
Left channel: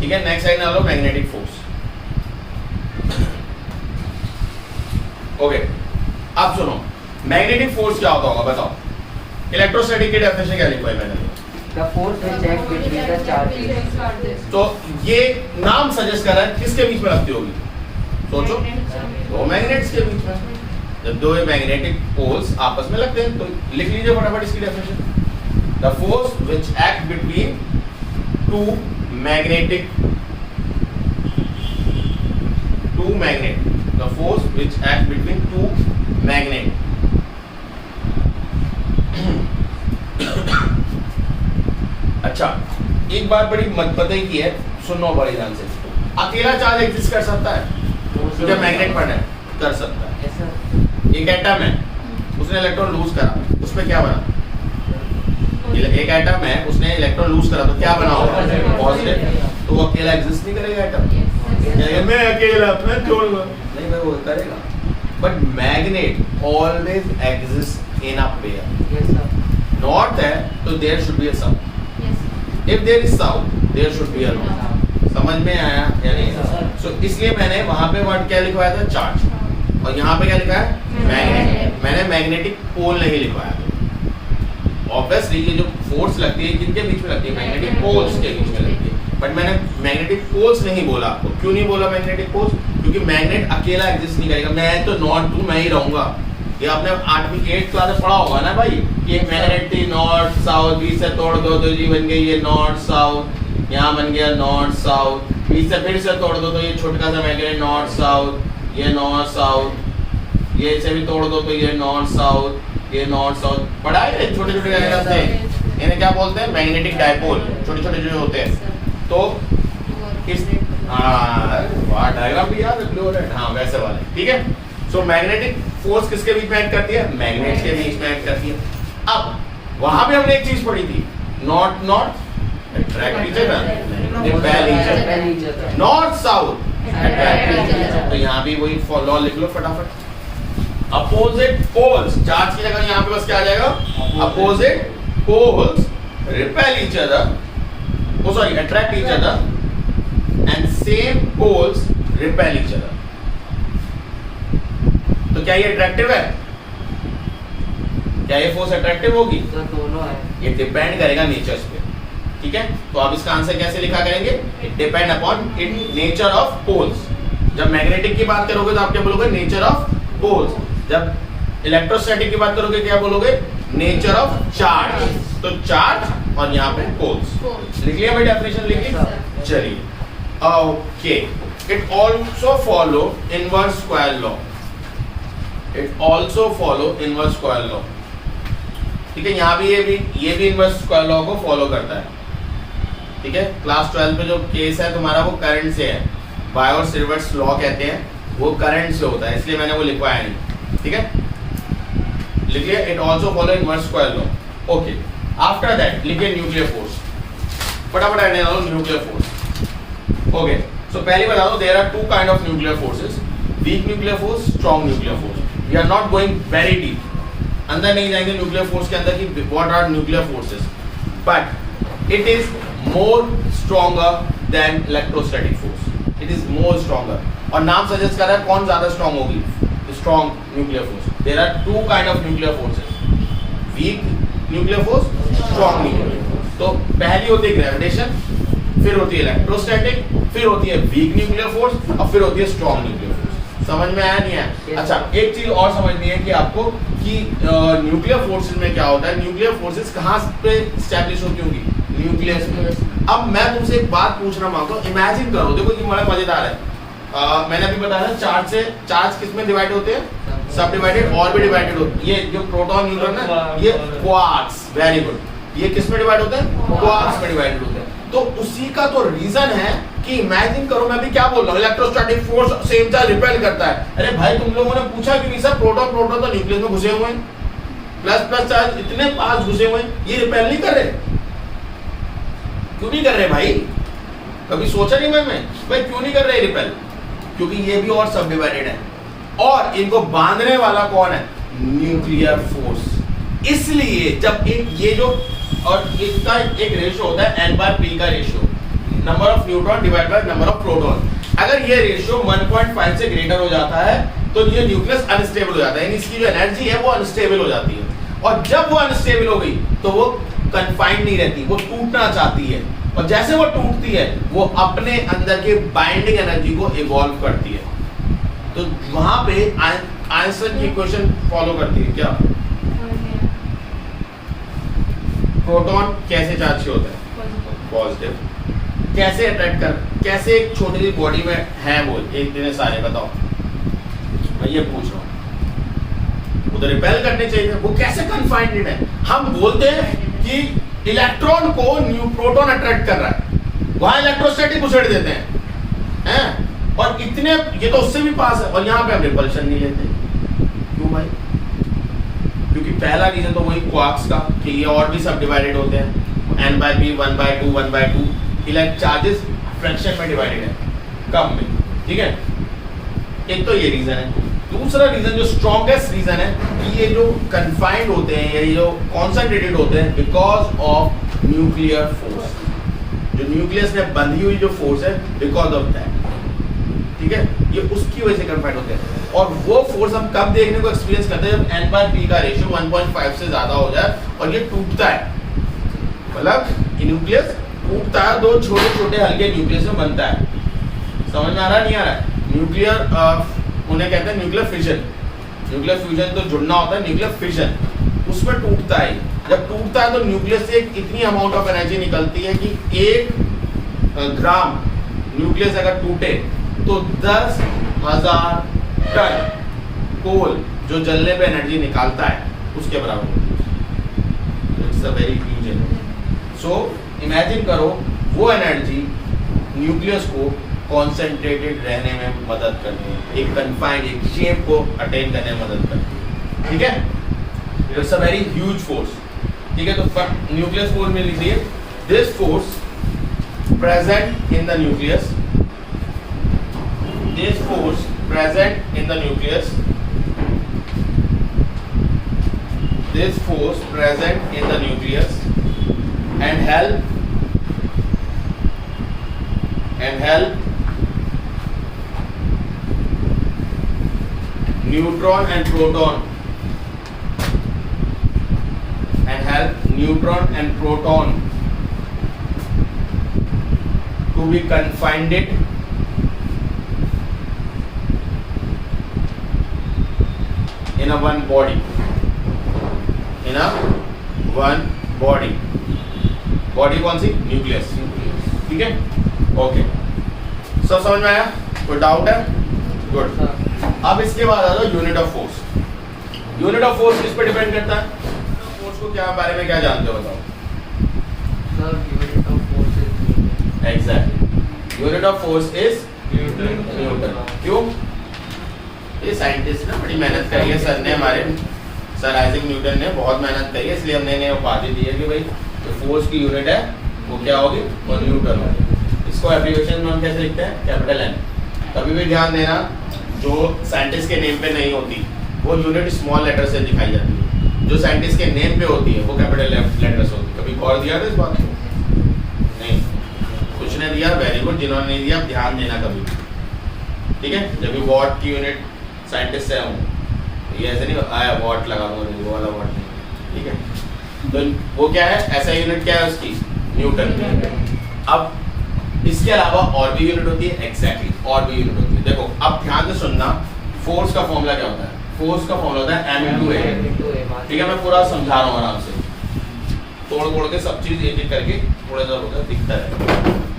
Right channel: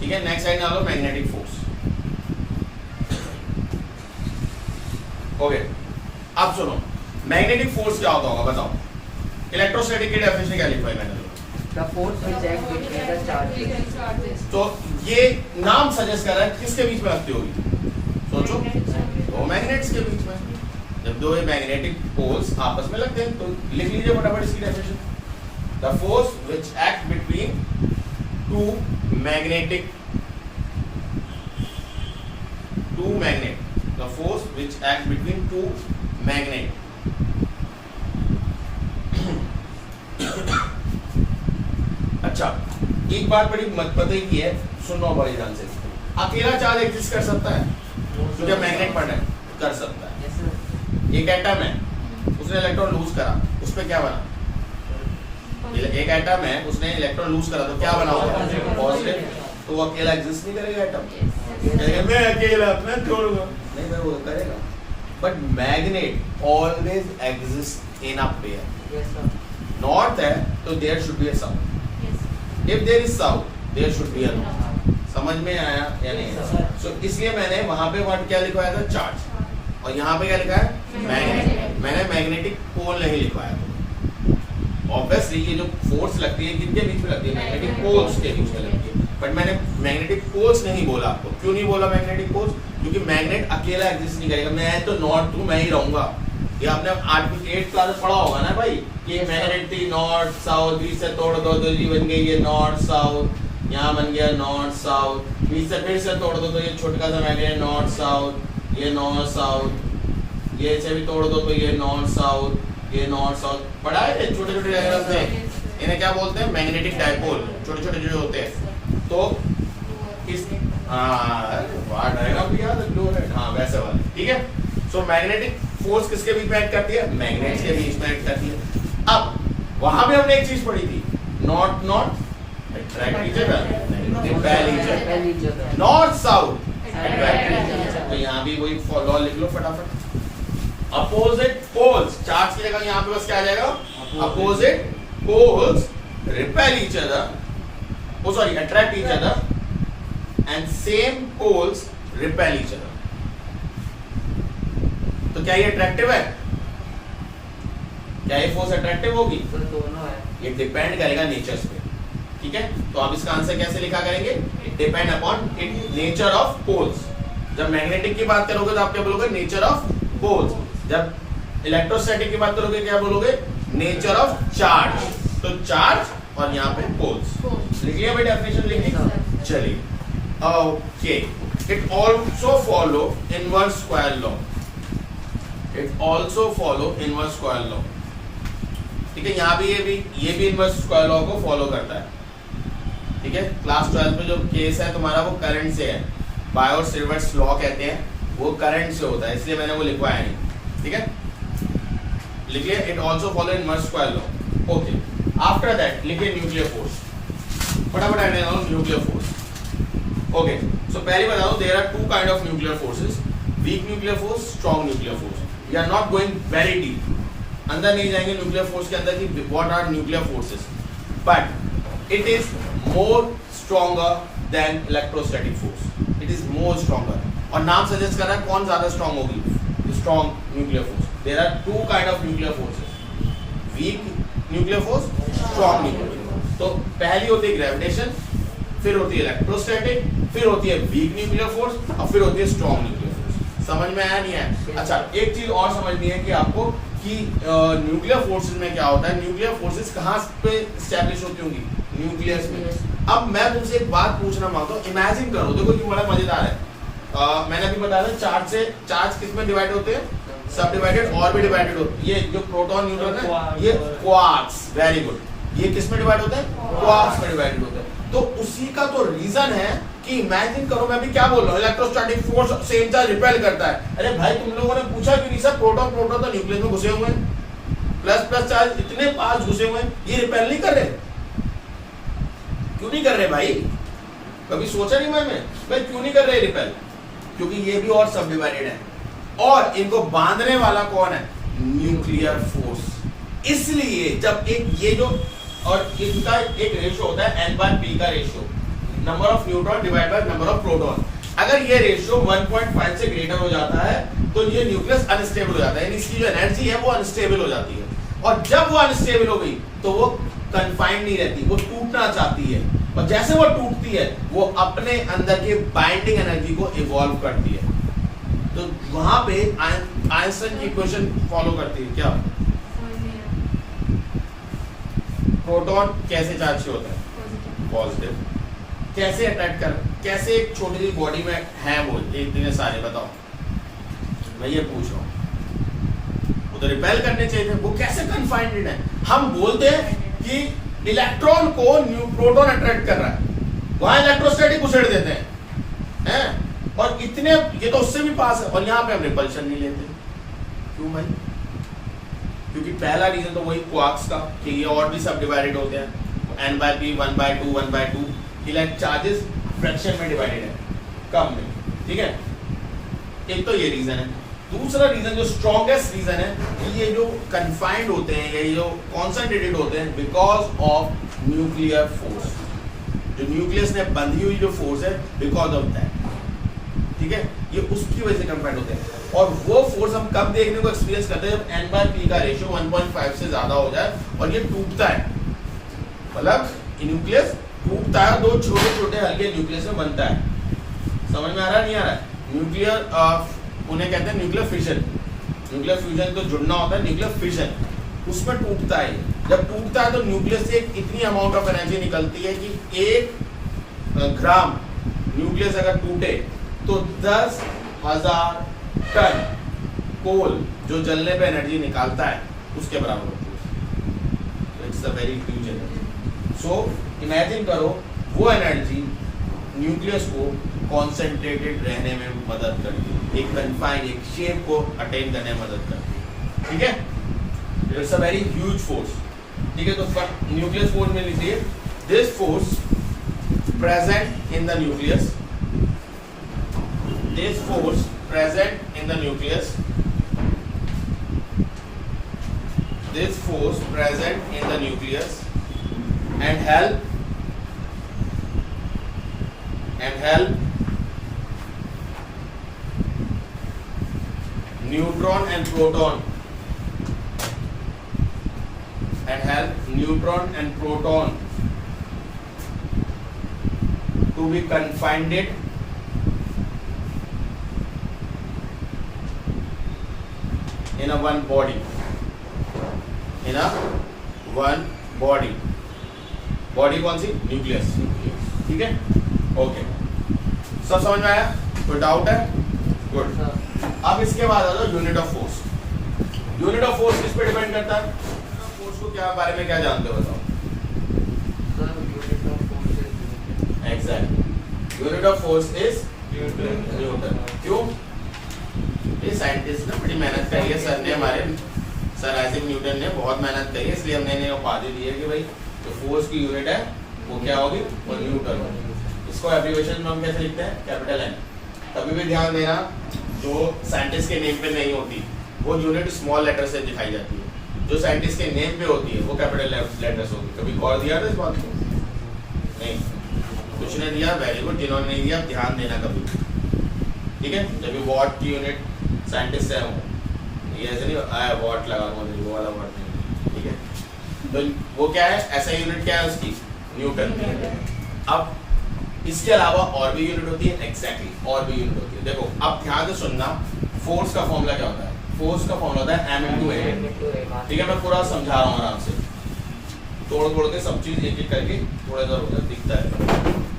ठीक है, नेक्स्ट साइड डालो मैग्नेटिक फोर्स। ओके, अब सुनो मैग्नेटिक फोर्स क्या होता होगा बताओ। इलेक्ट्रोस्टैटिक की डेफिनेशन क्या लिखवाई मैंने? The force which acts between the charges. तो ये नाम सजेस्ट कर रहा है किसके बीच में लगती होगी? सोचो, दो मैग्नेट्स के बीच में। जब दो मैग्नेटिक पोल्स आपस में लगते हैं तो लिख लीजिए फटाफट इसकी definition. The force which act between two magnet, the force which acts between two magnet। अच्छा, एक बात बड़ी पता की है, सुनो बड़े ध्यान से। अकेला चार्ज एग्जिस्ट कर सकता है जो मैग्नेट पर है? कर सकता है। एक एटम है, उसने इलेक्ट्रॉन लूज करा, उस पे क्या बना? एक एटम है, उसने इलेक्ट्रॉन लूज करा तो क्या बना होगा? पॉजिटिव। तो वो अकेला एग्जिस्ट नहीं करेगा एटम, कहेगा मैं अकेला, मैं छोड़ूंगा नहीं, मैं वो करेगा। But magnet always exist in a pair. Not that, तो there should be a sum. If there is sum, there should be a not. समझ में आया या नहीं? सो इसलिए मैंने वहां पे वर्ड क्या लिखवाया था? चार्ज। और यहाँ पे क्या लिखा है? मैग्नेट। मैंने मैग्नेटिक पोल नहीं लिखवाया था। ऑब्वियसली ये जो फोर्स लगती है किनके बीच में लगती है? मैग्नेटिक पोल्स के बीच में लगती है। बट मैंने मैग्नेटिक पोल्स नहीं बोला आपको। क्यों नहीं बोला मैग्नेटिक पोल्स? क्योंकि मैग्नेट अकेला एग्जिस्ट नहीं करेगा। मैं तो नॉर्थ हूँ, मैं ही रहूंगा। ये आपने 8वीं 8th क्लास में पढ़ा होगा ना भाई, कि एक मैग्नेट थी नॉर्थ साउथ, बीच से तोड़ दो तो जी बन गई ये नॉर्थ साउथ, यहाँ बन गया नॉर्थ साउथ, बीच से फिर से तोड़ दो तो ये छोटका सा मैग्नेट नॉर्थ साउथ, ये नॉर्थ साउथ, ये इसे भी तोड़ दो तो ये नॉर्थ साउथ, ये नॉर्थ साउथ। पढ़ा है छोटे छोटे डायग्राम से? इन्हें क्या बोलते हैं? Magnetic dipole. छोटे छोटे जो होते हैं तो इस डायग्राम भी याद है? हाँ वैसे वाले, ठीक है। सो मैग्नेटिक फोर्स किसके बीच में एक्ट करती है? मैग्नेट्स के बीच में एक्ट करती है। अब वहां भी हमने एक चीज पढ़ी थी, not attract each other, repel each other. North south attract each other. तो यहाँ भी वही लॉ लिख लो फटाफट। अपोजिट पोल्स, चार्ज की जगह यहाँ पे बस क्या आ जाएगा? Opposite poles repel each other, oh sorry, attract each other, and same poles repel each other। तो क्या ये अट्रैक्टिव है? क्या ये फोर्स अट्रैक्टिव होगी? तो दोनों है। ये डिपेंड करेगा नेचर्स पे, ठीक है। तो आप इसका आंसर कैसे लिखा करेंगे? It depend upon it nature of poles. जब मैग्नेटिक की बात करोगे तो आप क्या बोलोगे? Nature of poles. जब इलेक्ट्रोस्टैटिक की बात करोगे क्या बोलोगे? Nature of charge. तो चार्ज और यहाँ पे पोल्स। लिख लिया भाई, डेफिनेशन लिख ली? चलिए, okay. It also follow inverse square law. It also follow inverse square law, ठीक है। यहाँ भी ये भी इनवर्स स्क्वायर लॉ को फॉलो करता है, ठीक है। क्लास 12 में जो केस है तुम्हारा वो करंट से है, बायोट-सावर्ट्स लॉ कहते हैं, वो करंट से होता है, इसलिए मैंने वो लिखवाया नहीं, ठीक है। लिख लिया? It also follow inverse square law. Okay, after that लिखिए न्यूक्लियर फोर्स। फटाफट ऐड करो न्यूक्लियर फोर्स। ओके, सो पहले बता दो, there are two kind of nuclear forces, weak nuclear force, strong nuclear force. We are not going very deep, अंदर नहीं जाएंगे nuclear force के अंदर कि what are nuclear forces, but it is more stronger than electrostatic force. It is more stronger. और नाम suggest कर रहा है कौन ज्यादा स्ट्रॉन्ग होगी? Strong nuclear force. There are two kind of nuclear forces, weak nuclear force, strong nuclear force. तो पहली होती है ग्रेविटेशन, फिर होती है इलेक्ट्रोस्टैटिक, फिर होती है वीक न्यूक्लियर फोर्स, और फिर होती है स्ट्रॉन्ग न्यूक्लियर फोर्स। समझ में आया नहीं आया? अच्छा, एक चीज और समझनी है कि आपको कि न्यूक्लियर फोर्सेस में क्या होता है। न्यूक्लियर फोर्सेस कहाँ पे स्टैब्लिश होती होंगी? न्यूक्लियस में। अब मैं तुमसे एक बात पूछना मांगता हूँ, इमेजिन करो, देखो ये बड़ा मजेदार है। मैंने अभी बताया चार्ज किस में डिवाइड होते हैं? सब डिवाइडेड, और भी डिवाइडेड होते हैं। ये जो प्रोटॉन न्यूट्रॉन है, ये क्वार्क्स, वेरी गुड। ये किस में डिवाइड होते हैं? क्वार्क्स में डिवाइडेड होते हैं। तो उसी का तो रीजन है कि इमेजिन करो, मैं भी क्या बोल रहा हूँ, electrostatic force same charge repel करता है। अरे भाई तुम लोगों ने पूछा क्यों नहीं? सर प्रोटॉन तो न्यूक्लियस में घुसे हुए हैं, प्लस चार्ज इतने पास घुसे हुए हैं, ये रिपेल नहीं कर रहे। क्यों नहीं कर रहे भाई? कभी सोचा नहीं मैं भाई क्यों नहीं कर रहे रिपेल? क्योंकि ये भी और सब डिवाइडेड है, और इनको बांधने वाला कौन है? Nuclear force. इसलिए जब एक ये जो और इसका एक रेशियो होता है n/p का ratio, number of neutron divide by number of proton. अगर ये रेशियो 1.5 से ग्रेटर हो जाता है तो ये न्यूक्लियस अनस्टेबल हो जाता है, यानी इसकी जो एनर्जी है वो अनस्टेबल हो जाती है। और जब वो अनस्टेबल हो गई तो वो कन्फाइंड नहीं रहती, वो टूटना चाहती है, और जैसे वो टूटती है वो अपने अंदर के बाइंडिंग एनर्जी को इवॉल्व करती है। तो वहां पे आइंस्टाइन की इक्वेशन फॉलो करती है क्या? प्रोटॉन कैसे चार्ज होता है? पॉजिटिव। कैसे अट्रैक्ट कर, कैसे एक छोटी सी बॉडी में है वो इतने सारे, बताओ, मैं ये पूछ रहा हूँ। वो तो रिपेल करने चाहिए, वो कैसे कन्फाइंड है? हम बोलते हैं कि इलेक्ट्रॉन को प्रोटॉन अट्रैक्ट कर रहा है, वहां इलेक्ट्रोस्टैटिक उछेड़ देते हैं, और इतने, ये तो उससे भी पास है, और यहाँ पे हम रिपल्शन नहीं लेते। क्यों भाई? क्योंकि पहला रीजन तो वही क्वार्क्स का, कि ये और भी सब डिवाइडेड होते हैं, n/p 1/2 1/2 इलेक्ट्रिक चार्जेस फ्रैक्शन में डिवाइडेड है, कम में, ठीक है। एक तो ये रीजन है। दूसरा रीजन जो स्ट्रॉन्गेस्ट रीजन है कि ये जो कन्फाइंड होते हैं, ये जो कॉन्सेंट्रेटेड होते हैं, बिकॉज ऑफ न्यूक्लियर फोर्स। जो न्यूक्लियस में बंधी हुई जो फोर्स है, बिकॉज ऑफ दैट, ठीक है, ये उसकी वजह से कन्फाइंड होते हैं। और वो फोर्स हम कब देखने को एक्सपीरियंस करते हैं? जब n/p का रेशियो 1.5 से ज्यादा हो जाए और ये टूटता है, मतलब न्यूक्लियस टूटता है, दो छोटे छोटे हल्के न्यूक्लियस में बनता है। समझ में आ रहा नहीं आ रहा है? न्यूक्लियर उन्हें कहते हैं न्यूक्लियर फिशन। न्यूक्लियर फ्यूजन तो जुड़ना होता है, न्यूक्लियर फिशन उसमें टूटता है। जब टूटता है तो न्यूक्लियस से एक इतनी अमाउंट ऑफ एनर्जी निकलती है कि 1 ग्राम न्यूक्लियस अगर टूटे तो 10,000 टन कोल जो जलने पे एनर्जी निकालता है उसके बराबर होती है। It's a very huge energy. So imagine करो वो एनर्जी न्यूक्लियस को कॉन्सेंट्रेटेड रहने में मदद करती है, एक कन्फाइंड एक शेप को अटेन करने में मदद करती है, ठीक है। It's a very huge force, ठीक है। तो न्यूक्लियस फोर्स में लिख दिए, this force present in the nucleus, this force present in the nucleus, this force present in the nucleus and help neutron and proton to be confined in a one body, body कौन सी? Nucleus, ठीक है, okay, सब समझ में आया? कोई doubt है? Good. अब इसके बाद आ जाओ unit of force. Unit of force किस पे डिपेंड करता है? फोर्स को क्या बारे में क्या जानते हो, बताओ? Exactly, unit of force is Newton. क्यों? ये साइंटिस्ट ने बड़ी मेहनत करी है, सर ने, हमारे सर आइजैक न्यूटन ने बहुत मेहनत करी है, इसलिए हमने इन्हें उपाधि दी है कि भाई जो फोर्स की यूनिट है वो क्या होगी? वो न्यूटन होगी। इसको एब्रिविएशन में हम कैसे लिखते हैं? Capital N। कभी भी ध्यान देना, जो साइंटिस्ट के नेम पे नहीं होती वो यूनिट स्मॉल लेटर से दिखाई जाती है, जो साइंटिस्ट के नेम पे होती है वो कैपिटल लेटर्स होती है। कभी गौर दिया था इस बात को? नहीं, कुछ ने दिया, वेरी गुड। जिन्होंने नहीं दिया ध्यान देना कभी, ठीक है। जब भी वॉट की यूनिट साइंटिस्ट से हूँ, ये ऐसे नहीं आया वॉट लगा नहीं, वो वाला वॉट नहीं, ठीक है। तो वो क्या है, ऐसा यूनिट क्या है उसकी? न्यूटन। अब इसके अलावा और भी यूनिट होती है, एग्जैक्टली, और भी यूनिट होती है। देखो अब ध्यान से सुनना, फोर्स का फॉर्मूला क्या होता है? फोर्स का फॉर्मूला होता है m/a, ठीक है। मैं पूरा समझा रहा हूँ आराम से, तोड़ के सब चीज एक एक करके थोड़ा सा होगा दिखता है।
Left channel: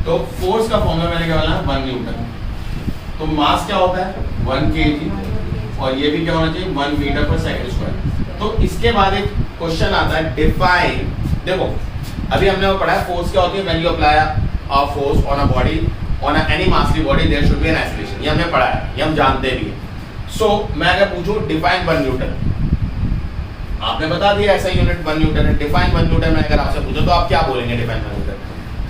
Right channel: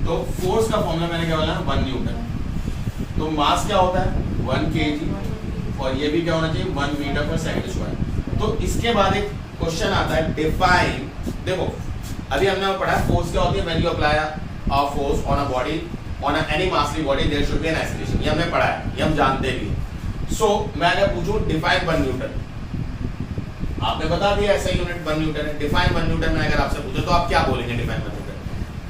तो फोर्स का फॉर्मूला मैंने क्या बोला? 1 न्यूटन। तो मास क्या होता है? 1 kg, और ये भी क्या होना चाहिए? 1 मीटर पर सेकंड स्क्वायर। तो इसके बाद एक क्वेश्चन आता है, डिफाइन। देखो अभी हमने वो पढ़ा है फोर्स क्या होती है, when you apply a force on a body, on any massive body, there should be an acceleration. ये हमने पढ़ा है, ये हम जानते भी हैं। सो मैं अगर पूछूं डिफाइन 1 न्यूटन, आपने बता दिया ऐसा यूनिट 1 न्यूटन है। डिफाइन 1 न्यूटन मैंने अगर आपसे पूछा तो आप क्या बोलेंगे? Define 1 Newton.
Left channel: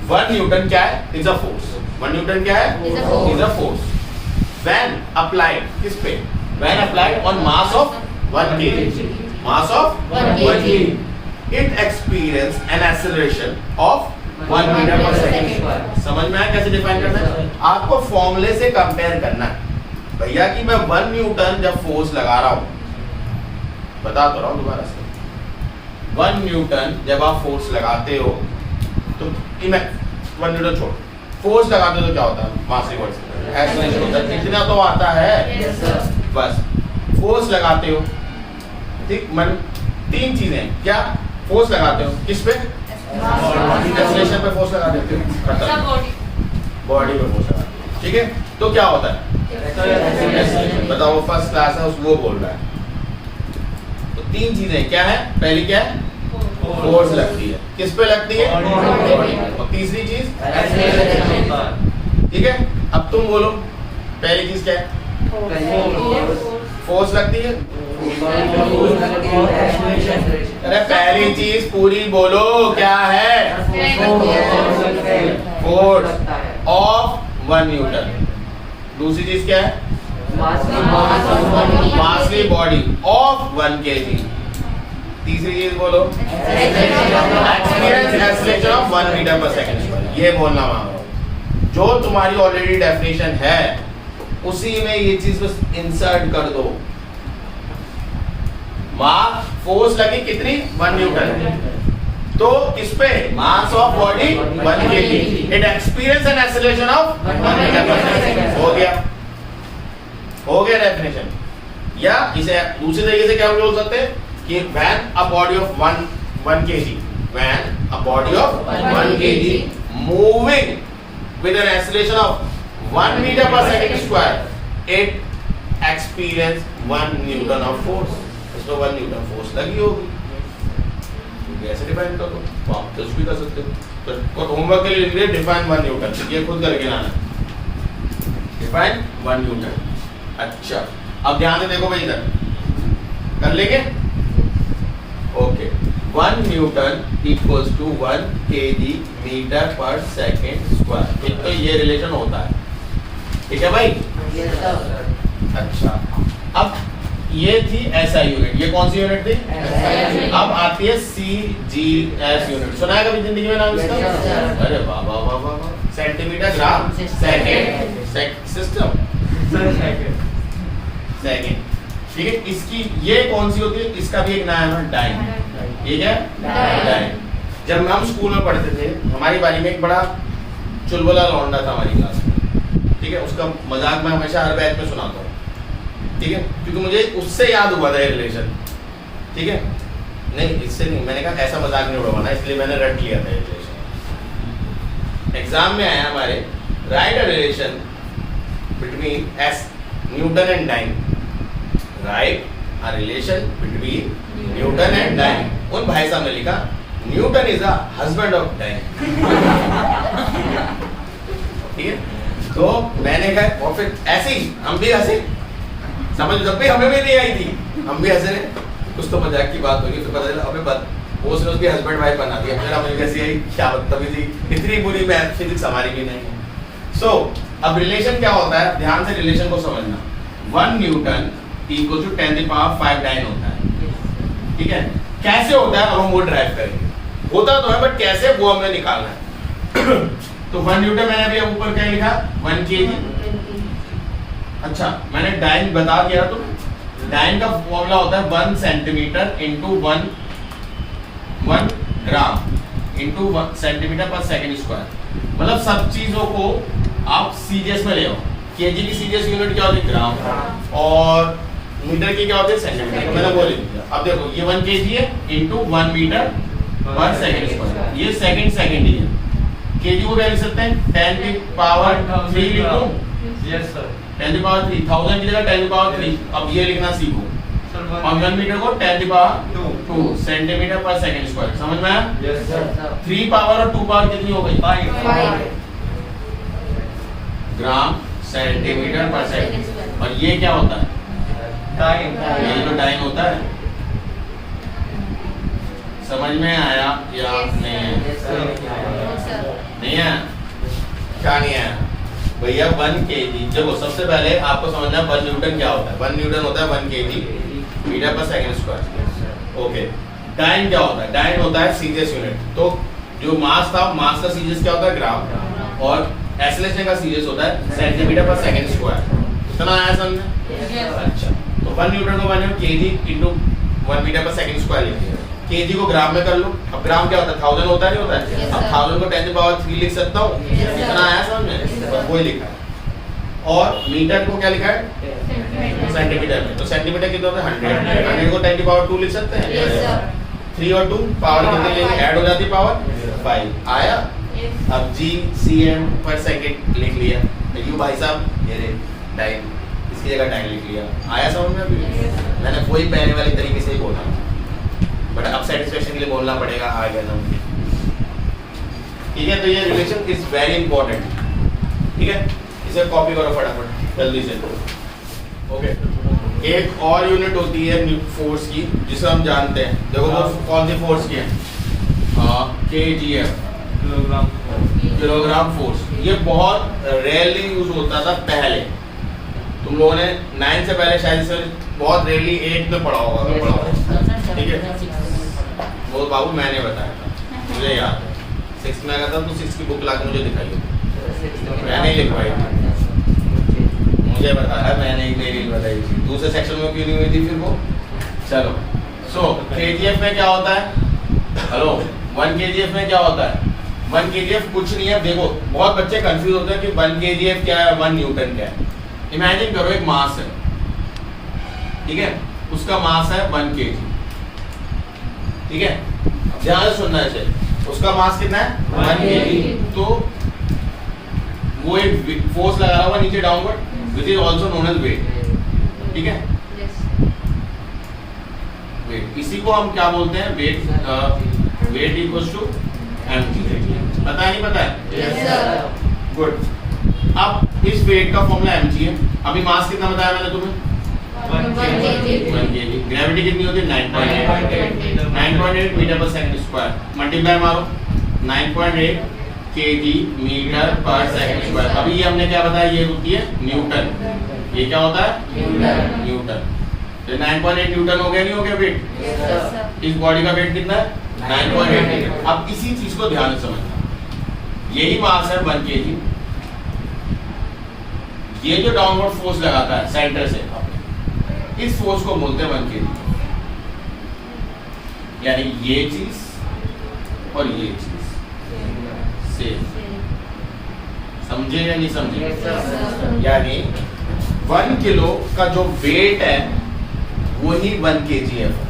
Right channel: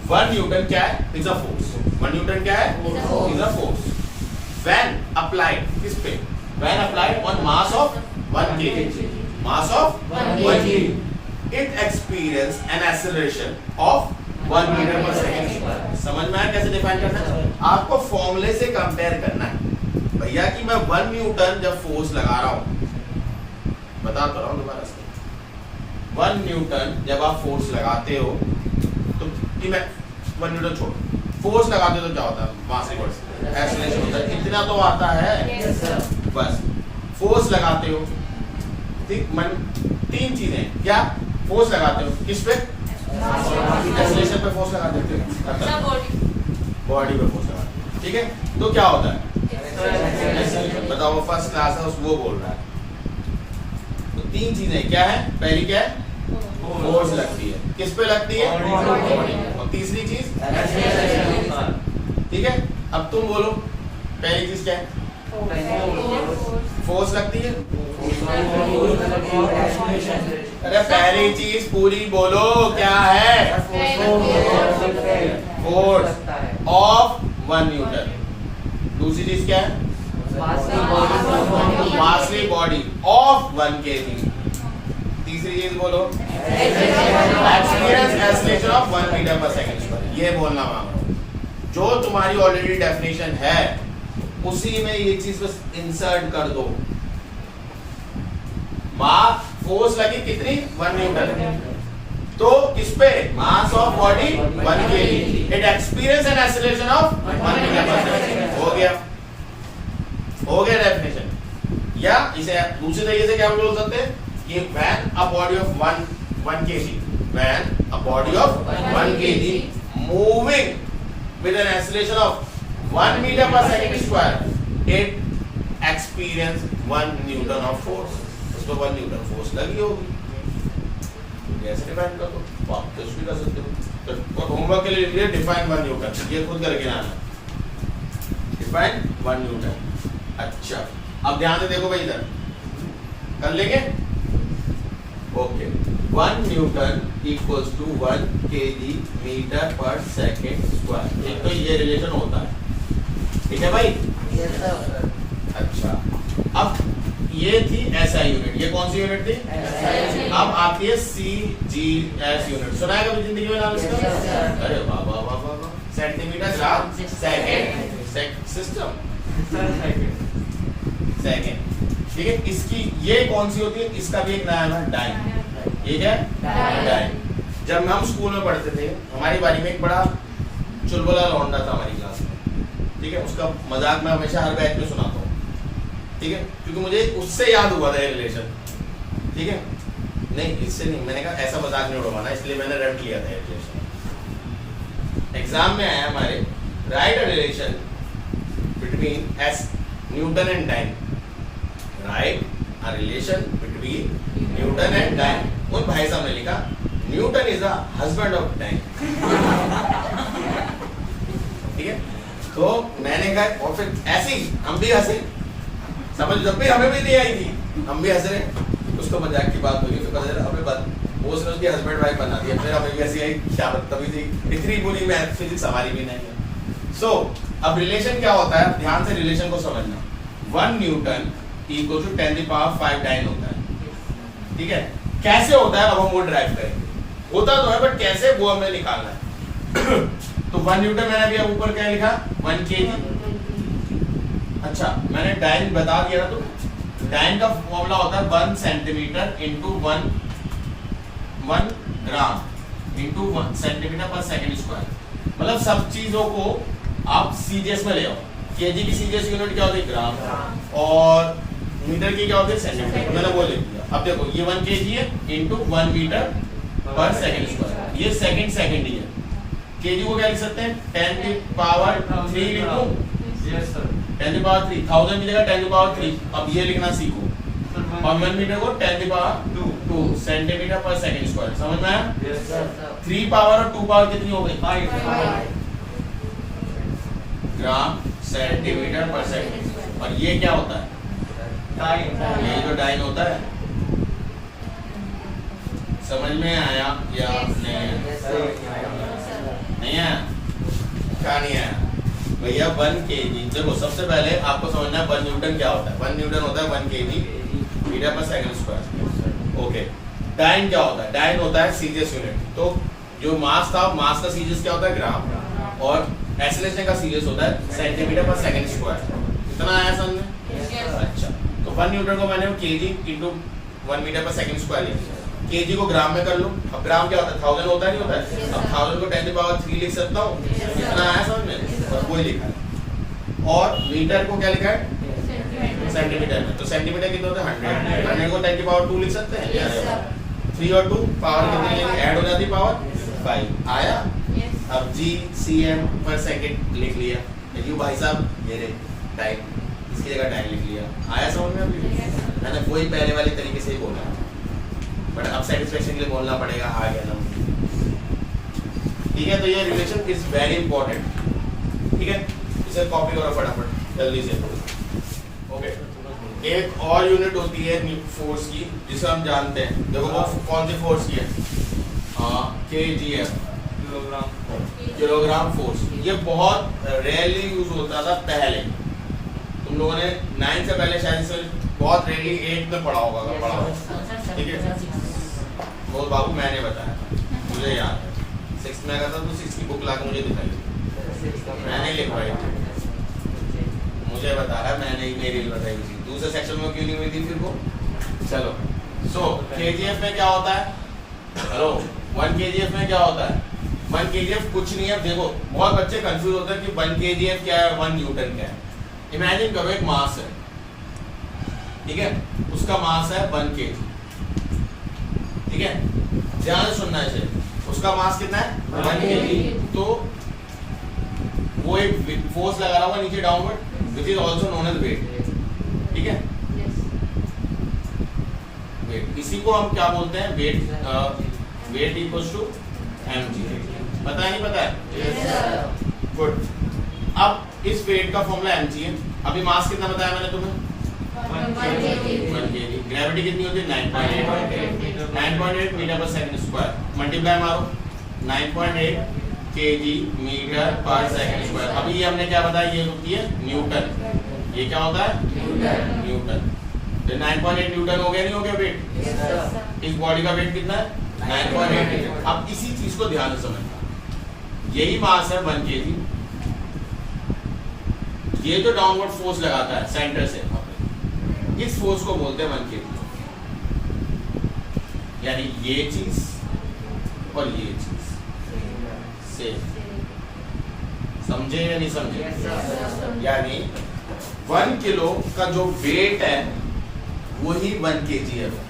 1 न्यूटन क्या है? Is a force. 1 न्यूटन क्या है? Is a force. When applied, किस पे? When applied on mass of 1 kg, mass of 1 kg, it experienced an acceleration of 1 meter per second। समझ में आया कैसे डिफाइन करना है? आपको फॉर्मूले से कंपेयर करना है भैया कि मैं 1 न्यूटन जब फोर्स लगा रहा हूँ, बता तो रहा हूँ दोबारा से, 1 न्यूटन जब आप फोर्स लगाते हो तो 1 न्यूटन छोड़, फोर्स लगाते हो तो क्या होता है? मास रिवर्स एक्सीलरेशन होता है। इतना तो आता है Yes, sir. बस। फोर्स लगाते हो, ठीक, मन 3 चीजें, क्या? फोर्स लगाते हो किस पे? एक्सीलरेशन पे फोर्स लगा देते हो, खत्म। बॉडी पे फोर्स लगा, ठीक है। तो क्या होता है? एक्सीलरेशन। बताओ, वो फर्स्ट क्लास है, वो बोल रहा है। तो 3 चीजें क्या है? पहली क्या है? फोर्स लगती है, किस पे लगती है? बॉडी पे। और तीसरी चीज, ठीक है। अब तुम बोलो, पहली चीज क्या है? फोर्स लगती है। अरे पहली चीज पूरी बोलो, क्या है? Force of 1 Newton. दूसरी चीज क्या है? मासली बॉडी ऑफ 1 kg। तीसरी चीज बोलो, एक्सपीरियंस एक्सीलरेशन ऑफ 1 मीटर पर सेकंड। ये बोलना मांग रहा हूं, जो तुम्हारी ऑलरेडी डेफिनेशन है उसी में ये चीज बस इंसर्ट कर दो। मास फोर्स लगी कितनी? 1 न्यूटन। तो किस पे? Mass of body 1 kg। It experience and acceleration of 1 metre पर सेकंड। हो गया, हो गया डेफिनेशन। या इसे दूसरे तरीके से क्या बोल सकते हैं कि when a body of 1 kg, when a body of 1 kg moving with an acceleration of 1 meter per second square, it experience 1 newton of force। इसमें 1 न्यूटन फोर्स लगी होगी। कैसे डिफाइन कर दो? तो आप कुछ भी कर सकते हो। तो होमवर्क के लिए लिख लिया डिफाइन 1 न्यूटन, ये खुद करके लाना। Define 1 Newton. अच्छा, अब ध्यान से देखो भाई, इधर कर लेंगे। Okay, 1 Newton equals to 1 kg metre पर सेकेंड स्क्वायर। एक तो ये रिलेशन होता है, ठीक है भाई? Yes, sir. अच्छा, अब ये थी SI यूनिट, ये कौन सी यूनिट थी? SI। अब आती है CGS यूनिट। सुना है कभी जिंदगी में नाम इसका? Yes, sir. अरे वाह वाह वाह वाह वाह। Centimetre gram second system second, ठीक है। इसकी ये कौन सी होती है? इसका भी एक नाम है डाइन। ठीक है, डाइन। जब हम स्कूल में पढ़ते थे, हमारी बारी में एक बड़ा चुलबुला लौंडा था हमारी क्लास में, ठीक है। उसका मजाक मैं हमेशा हर बैच में सुनाता हूँ, ठीक है, क्योंकि मुझे उससे याद हुआ था ये रिलेशन, ठीक है। नहीं, इससे नहीं, मैंने कहा ऐसा मजाक नहीं उड़वाना, इसलिए मैंने रट लिया था ये रिलेशन। एग्जाम में आया हमारे, write a relation between S Newton and dyne. Write a relation between Newton and dyne. उन भाई साहब ने लिखा Newton is a husband of dyne. ठीक है, तो मैंने कहा, और फिर ऐसे ही हम भी हंसे, समझ जब भी हमें भी नहीं आई थी, हम भी हंसे रहे। कुछ तो मजाक की बात हुई, फिर पता चला अबे वो उसने उसकी हस्बैंड वाइफ बना दिया। फिर हमें कैसी आई, क्या बदतमीजी, इतनी बुरी मैथ फिजिक्स हमारी भी नहीं है। सो अब रिलेशन क्या होता है, ध्यान से रिलेशन को समझना। 1 न्यूटन इक्वल टू 10⁵ डाइन होता है, ठीक है। कैसे होता है अब हम वो ड्राइव करेंगे। होता तो है बट कैसे, वो हमें निकालना है। तो 1 न्यूटन मैंने अभी ऊपर क्या लिखा, 1 kg। अच्छा, मैंने डाइन बता दिया, तो डाइन का फॉर्मूला होता है 1 centimetre into 1 gram into 1 centimetre पर सेकेंड स्क्वायर। मतलब सब चीजों को आप सीजीएस में ले आओ। केजी की सीजीएस यूनिट क्या होती है, ग्राम, और मीटर की क्या होती है, सेंटीमीटर। तो मैंने वो लिख दिया। अब देखो ये 1 kg है इंटू 1 मीटर पर सेकेंड स्क्वायर, ये सेकेंड ही है। केजी को क्या लिख सकते हैं, 10⁵ लिख दो। Yes sir. 10⁵, 1000 की जगह 10⁵। अब ये लिखना सीखो। और 1 मीटर को 10⁵2 सेंटीमीटर पर सेकेंड स्क्वायर। समझ में आया? Yes sir. 3 पावर और 2 पावर कितनी हो गई, 5 ग्राम सेंटीमीटर पर सेकेंड। और ये क्या होता है, टाइम। ये तो डाइन होता है। समझ में आया या नहीं है? नहीं है, क्या नहीं है भैया? 1 kg, देखो सबसे पहले आपको समझना है 1 न्यूटन क्या होता है। 1 न्यूटन होता है 1 kg मीटर पर सेकेंड स्क्वायर। ओके, डाइन क्या होता है, डाइन होता है सीजीएस यूनिट। तो जो मास था, मास का सीजीएस क्या होता है, ग्राम, और एक्सीलरेशन का सीजीएस होता है सेंटीमीटर पर सेकेंड स्क्वायर। इतना आया समझ में? अच्छा, तो 1 न्यूटन को मैंने kg इंटू 1 मीटर पर सेकेंड स्क्वायर लिख दिया। केजी को ग्राम में कर लो। अब ग्राम क्या होता है, 1000 होता है नहीं होता है। Yes, अब sir. 1000 को 10³ लिख सकता हूँ, Yes, sir. इतना आया समझ में, बस वही लिखा है। और मीटर को क्या लिखा है, सेंटीमीटर में, तो सेंटीमीटर कितना होता है 100, 100 को 10² लिख सकते हैं। Yes, sir. 3 और 2 पावर कितनी लेंगे, ऐड हो जाती है पावर 5 आया। अब जी cm पर सेकंड लिख लिया, यू भाई साहब ये रे टाइम, इसकी जगह टाइम लिख लिया, आया समझ में अभी। मैंने वही पहले वाली तरीके से ही बोला, बट अब सेटिस्फेक्शन के लिए बोलना पड़ेगा, आ गया ना। ठीक है, तो ये रिलेशन इज वेरी इंपॉर्टेंट। ठीक है, इसे कॉपी करो फटाफट जल्दी से। ओके, एक और यूनिट होती है फोर्स की जिसे हम जानते हैं, देखो वो कौन सी फोर्स की है, KGF, किलोग्राम फोर्स। ये बहुत रेयरली यूज होता था पहले, तुम लोगों ने 9 से पहले शायद इसे बहुत रेयरली 8 में पढ़ा होगा, अगर पढ़ा होगा। ठीक है, वो बाबू मैंने बताया था, मुझे याद है। 6 में अगर था तो 6 की बुक ला के मुझे दिखाई, मैंने लिखवाई थी, मुझे बताया मैंने ही, मेरी बताई थी। दूसरे सेक्शन में क्यों नहीं हुई थी फिर वो। चलो, सो KGF में क्या होता है, हेलो 1 KGF में क्या होता है, 1 KGF कुछ नहीं है। देखो बहुत बच्चे कंफ्यूज होते हैं कि 1 KGF क्या है, 1 न्यूटन क्या है। इमेजिन करो एक मास है, ठीक है, उसका मास है 1 kg, ठीक है, ध्यान से सुनना है, उसका मास कितना है 1 kg, तो वो एक फोर्स लगा रहा हुआ नीचे downward, which is also known as weight. ठीक है, वेट, इसी को हम क्या बोलते हैं, weight, weight equals to mg। पता है नहीं पता है, गुड। अब इस वेट का फॉर्मूला mg है। अभी मास कितना बताया मैंने तुम्हें, 1 kg। ग्रेविटी कितनी होती है 9.8 मीटर पर सेकंड स्क्वायर, मल्टीप्लाई मारो 9.8 kg मीटर पर सेकंड स्क्वायर। अभी ये हमने क्या बताया, ये होती है न्यूटन, ये क्या होता है न्यूटन। तो 9.8 न्यूटन हो गया, नहीं हो गया वेट, इस बॉडी का वेट कितना है 9.8। अब इसी चीज को ध्यान से समझना, यही मास है 1 kg, ये जो डाउनवर्ड फोर्स लगाता है सेंटर से, इस फोर्स को बोलते हैं 1 kg। यानी ये चीज और ये चीज सेम, समझे या नहीं समझे। यानी 1 किलो का जो वेट है वही 1 KGF है,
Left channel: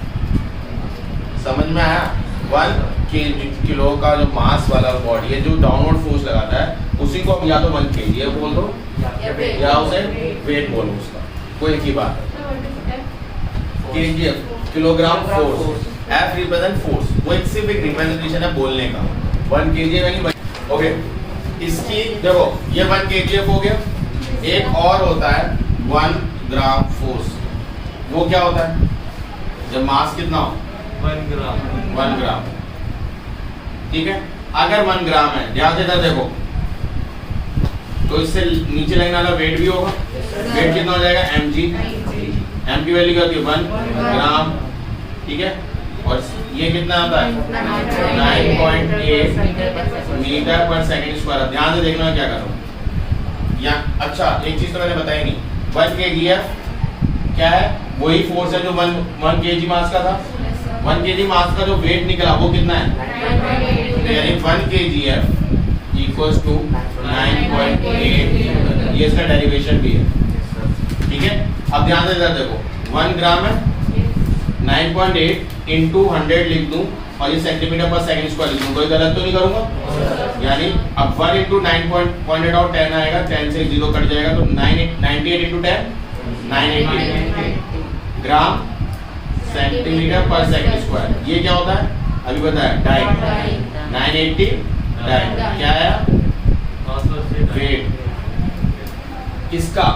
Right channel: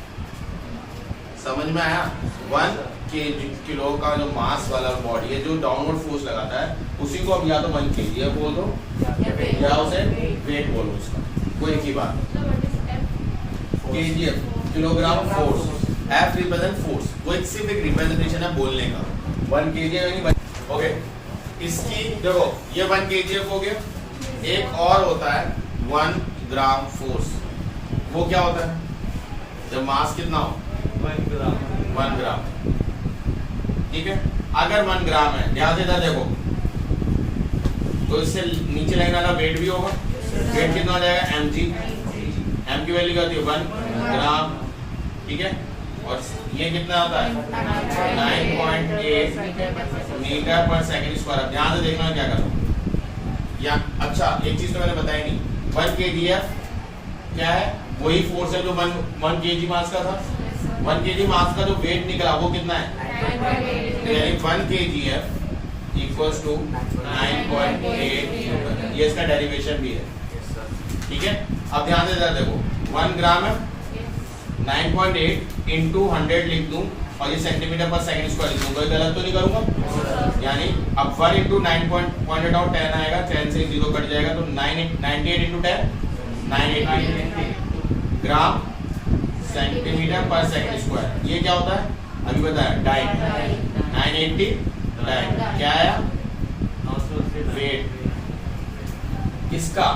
समझ में आया। 1 किलो का जो मास वाला बॉडी है जो डाउनवर्ड फोर्स लगाता है, उसी को हम या तो 1 KGF बोल दो या उसे वेट बोलो, उसका कोई एक ही बात है। KGF kilogram force, F represent force, वो एक सिर्फ एक रिप्रेजेंटेशन है बोलने का। 1 KGF यानी ओके, इसकी देखो ये 1 KGF हो गया। एक और होता है 1 ग्राम फोर्स, वो क्या होता है, जब मास कितना हो 1 ग्राम। ठीक है, अगर 1 ग्राम है, ध्यान से इधर देखो, तो इससे नीचे लाइन वाला वेट भी होगा, वेट कितना हो जाएगा mg, m की वैल्यू क्या होती है 1 ग्राम। ठीक है, और ये कितना आता है 9.8 मीटर पर सेकंड स्क्वायर। ध्यान से देखना क्या करो या, अच्छा एक चीज तो मैंने बताई नहीं, 1 KGF क्या है, वही फोर्स है जो 1 kg मास का था। 1 kg मास का जो वेट निकला वो कितना है, यानी 1 KGF इक्वल्स टू 9.8 न्यूटन। ये इसका डेरिवेशन भी है। ठीक है, अब ध्यान से देखो 1 ग्राम है, 9.8 इंटू 100 लिख दूं और ये सेंटीमीटर पर सेकंड स्क्वायर लिख दूं, कोई गलत तो नहीं करूंगा। यानी अब 1 इंटू 9 पॉइंटेड आउट 10 आएगा, 10 से 0 कट जाएगा, तो 98 इंटू 10 988 ग्राम सेंटीमीटर पर सेकंड स्क्वायर। ये क्या होता है अभी बताया, डाइन, 980 डाइन क्या है वेट किसका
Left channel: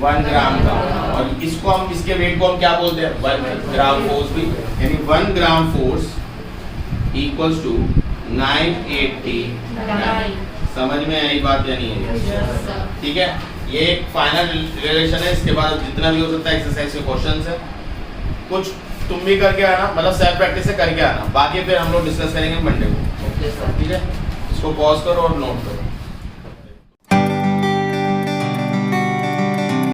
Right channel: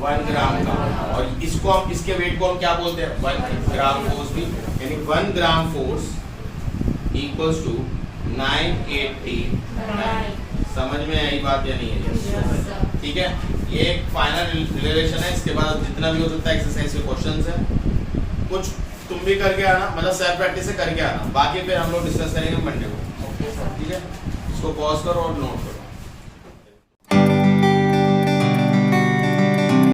1 ग्राम का, और इसको हम, इसके वेट को हम क्या बोलते हैं 1 ग्राम फोर्स भी। यानी 1 gram force equals to 980 dine. समझ में आई बात या नहीं है? ठीक है, ये एक फाइनल रिलेशन है। इसके बाद जितना भी हो सकता है एक्सरसाइज के क्वेश्चंस है, कुछ तुम भी करके आना, मतलब सेल्फ प्रैक्टिस से करके आना, बाकी फिर हम लोग डिस्कस करेंगे मंडे को। ठीक है, इसको पॉज करो और नोट करो।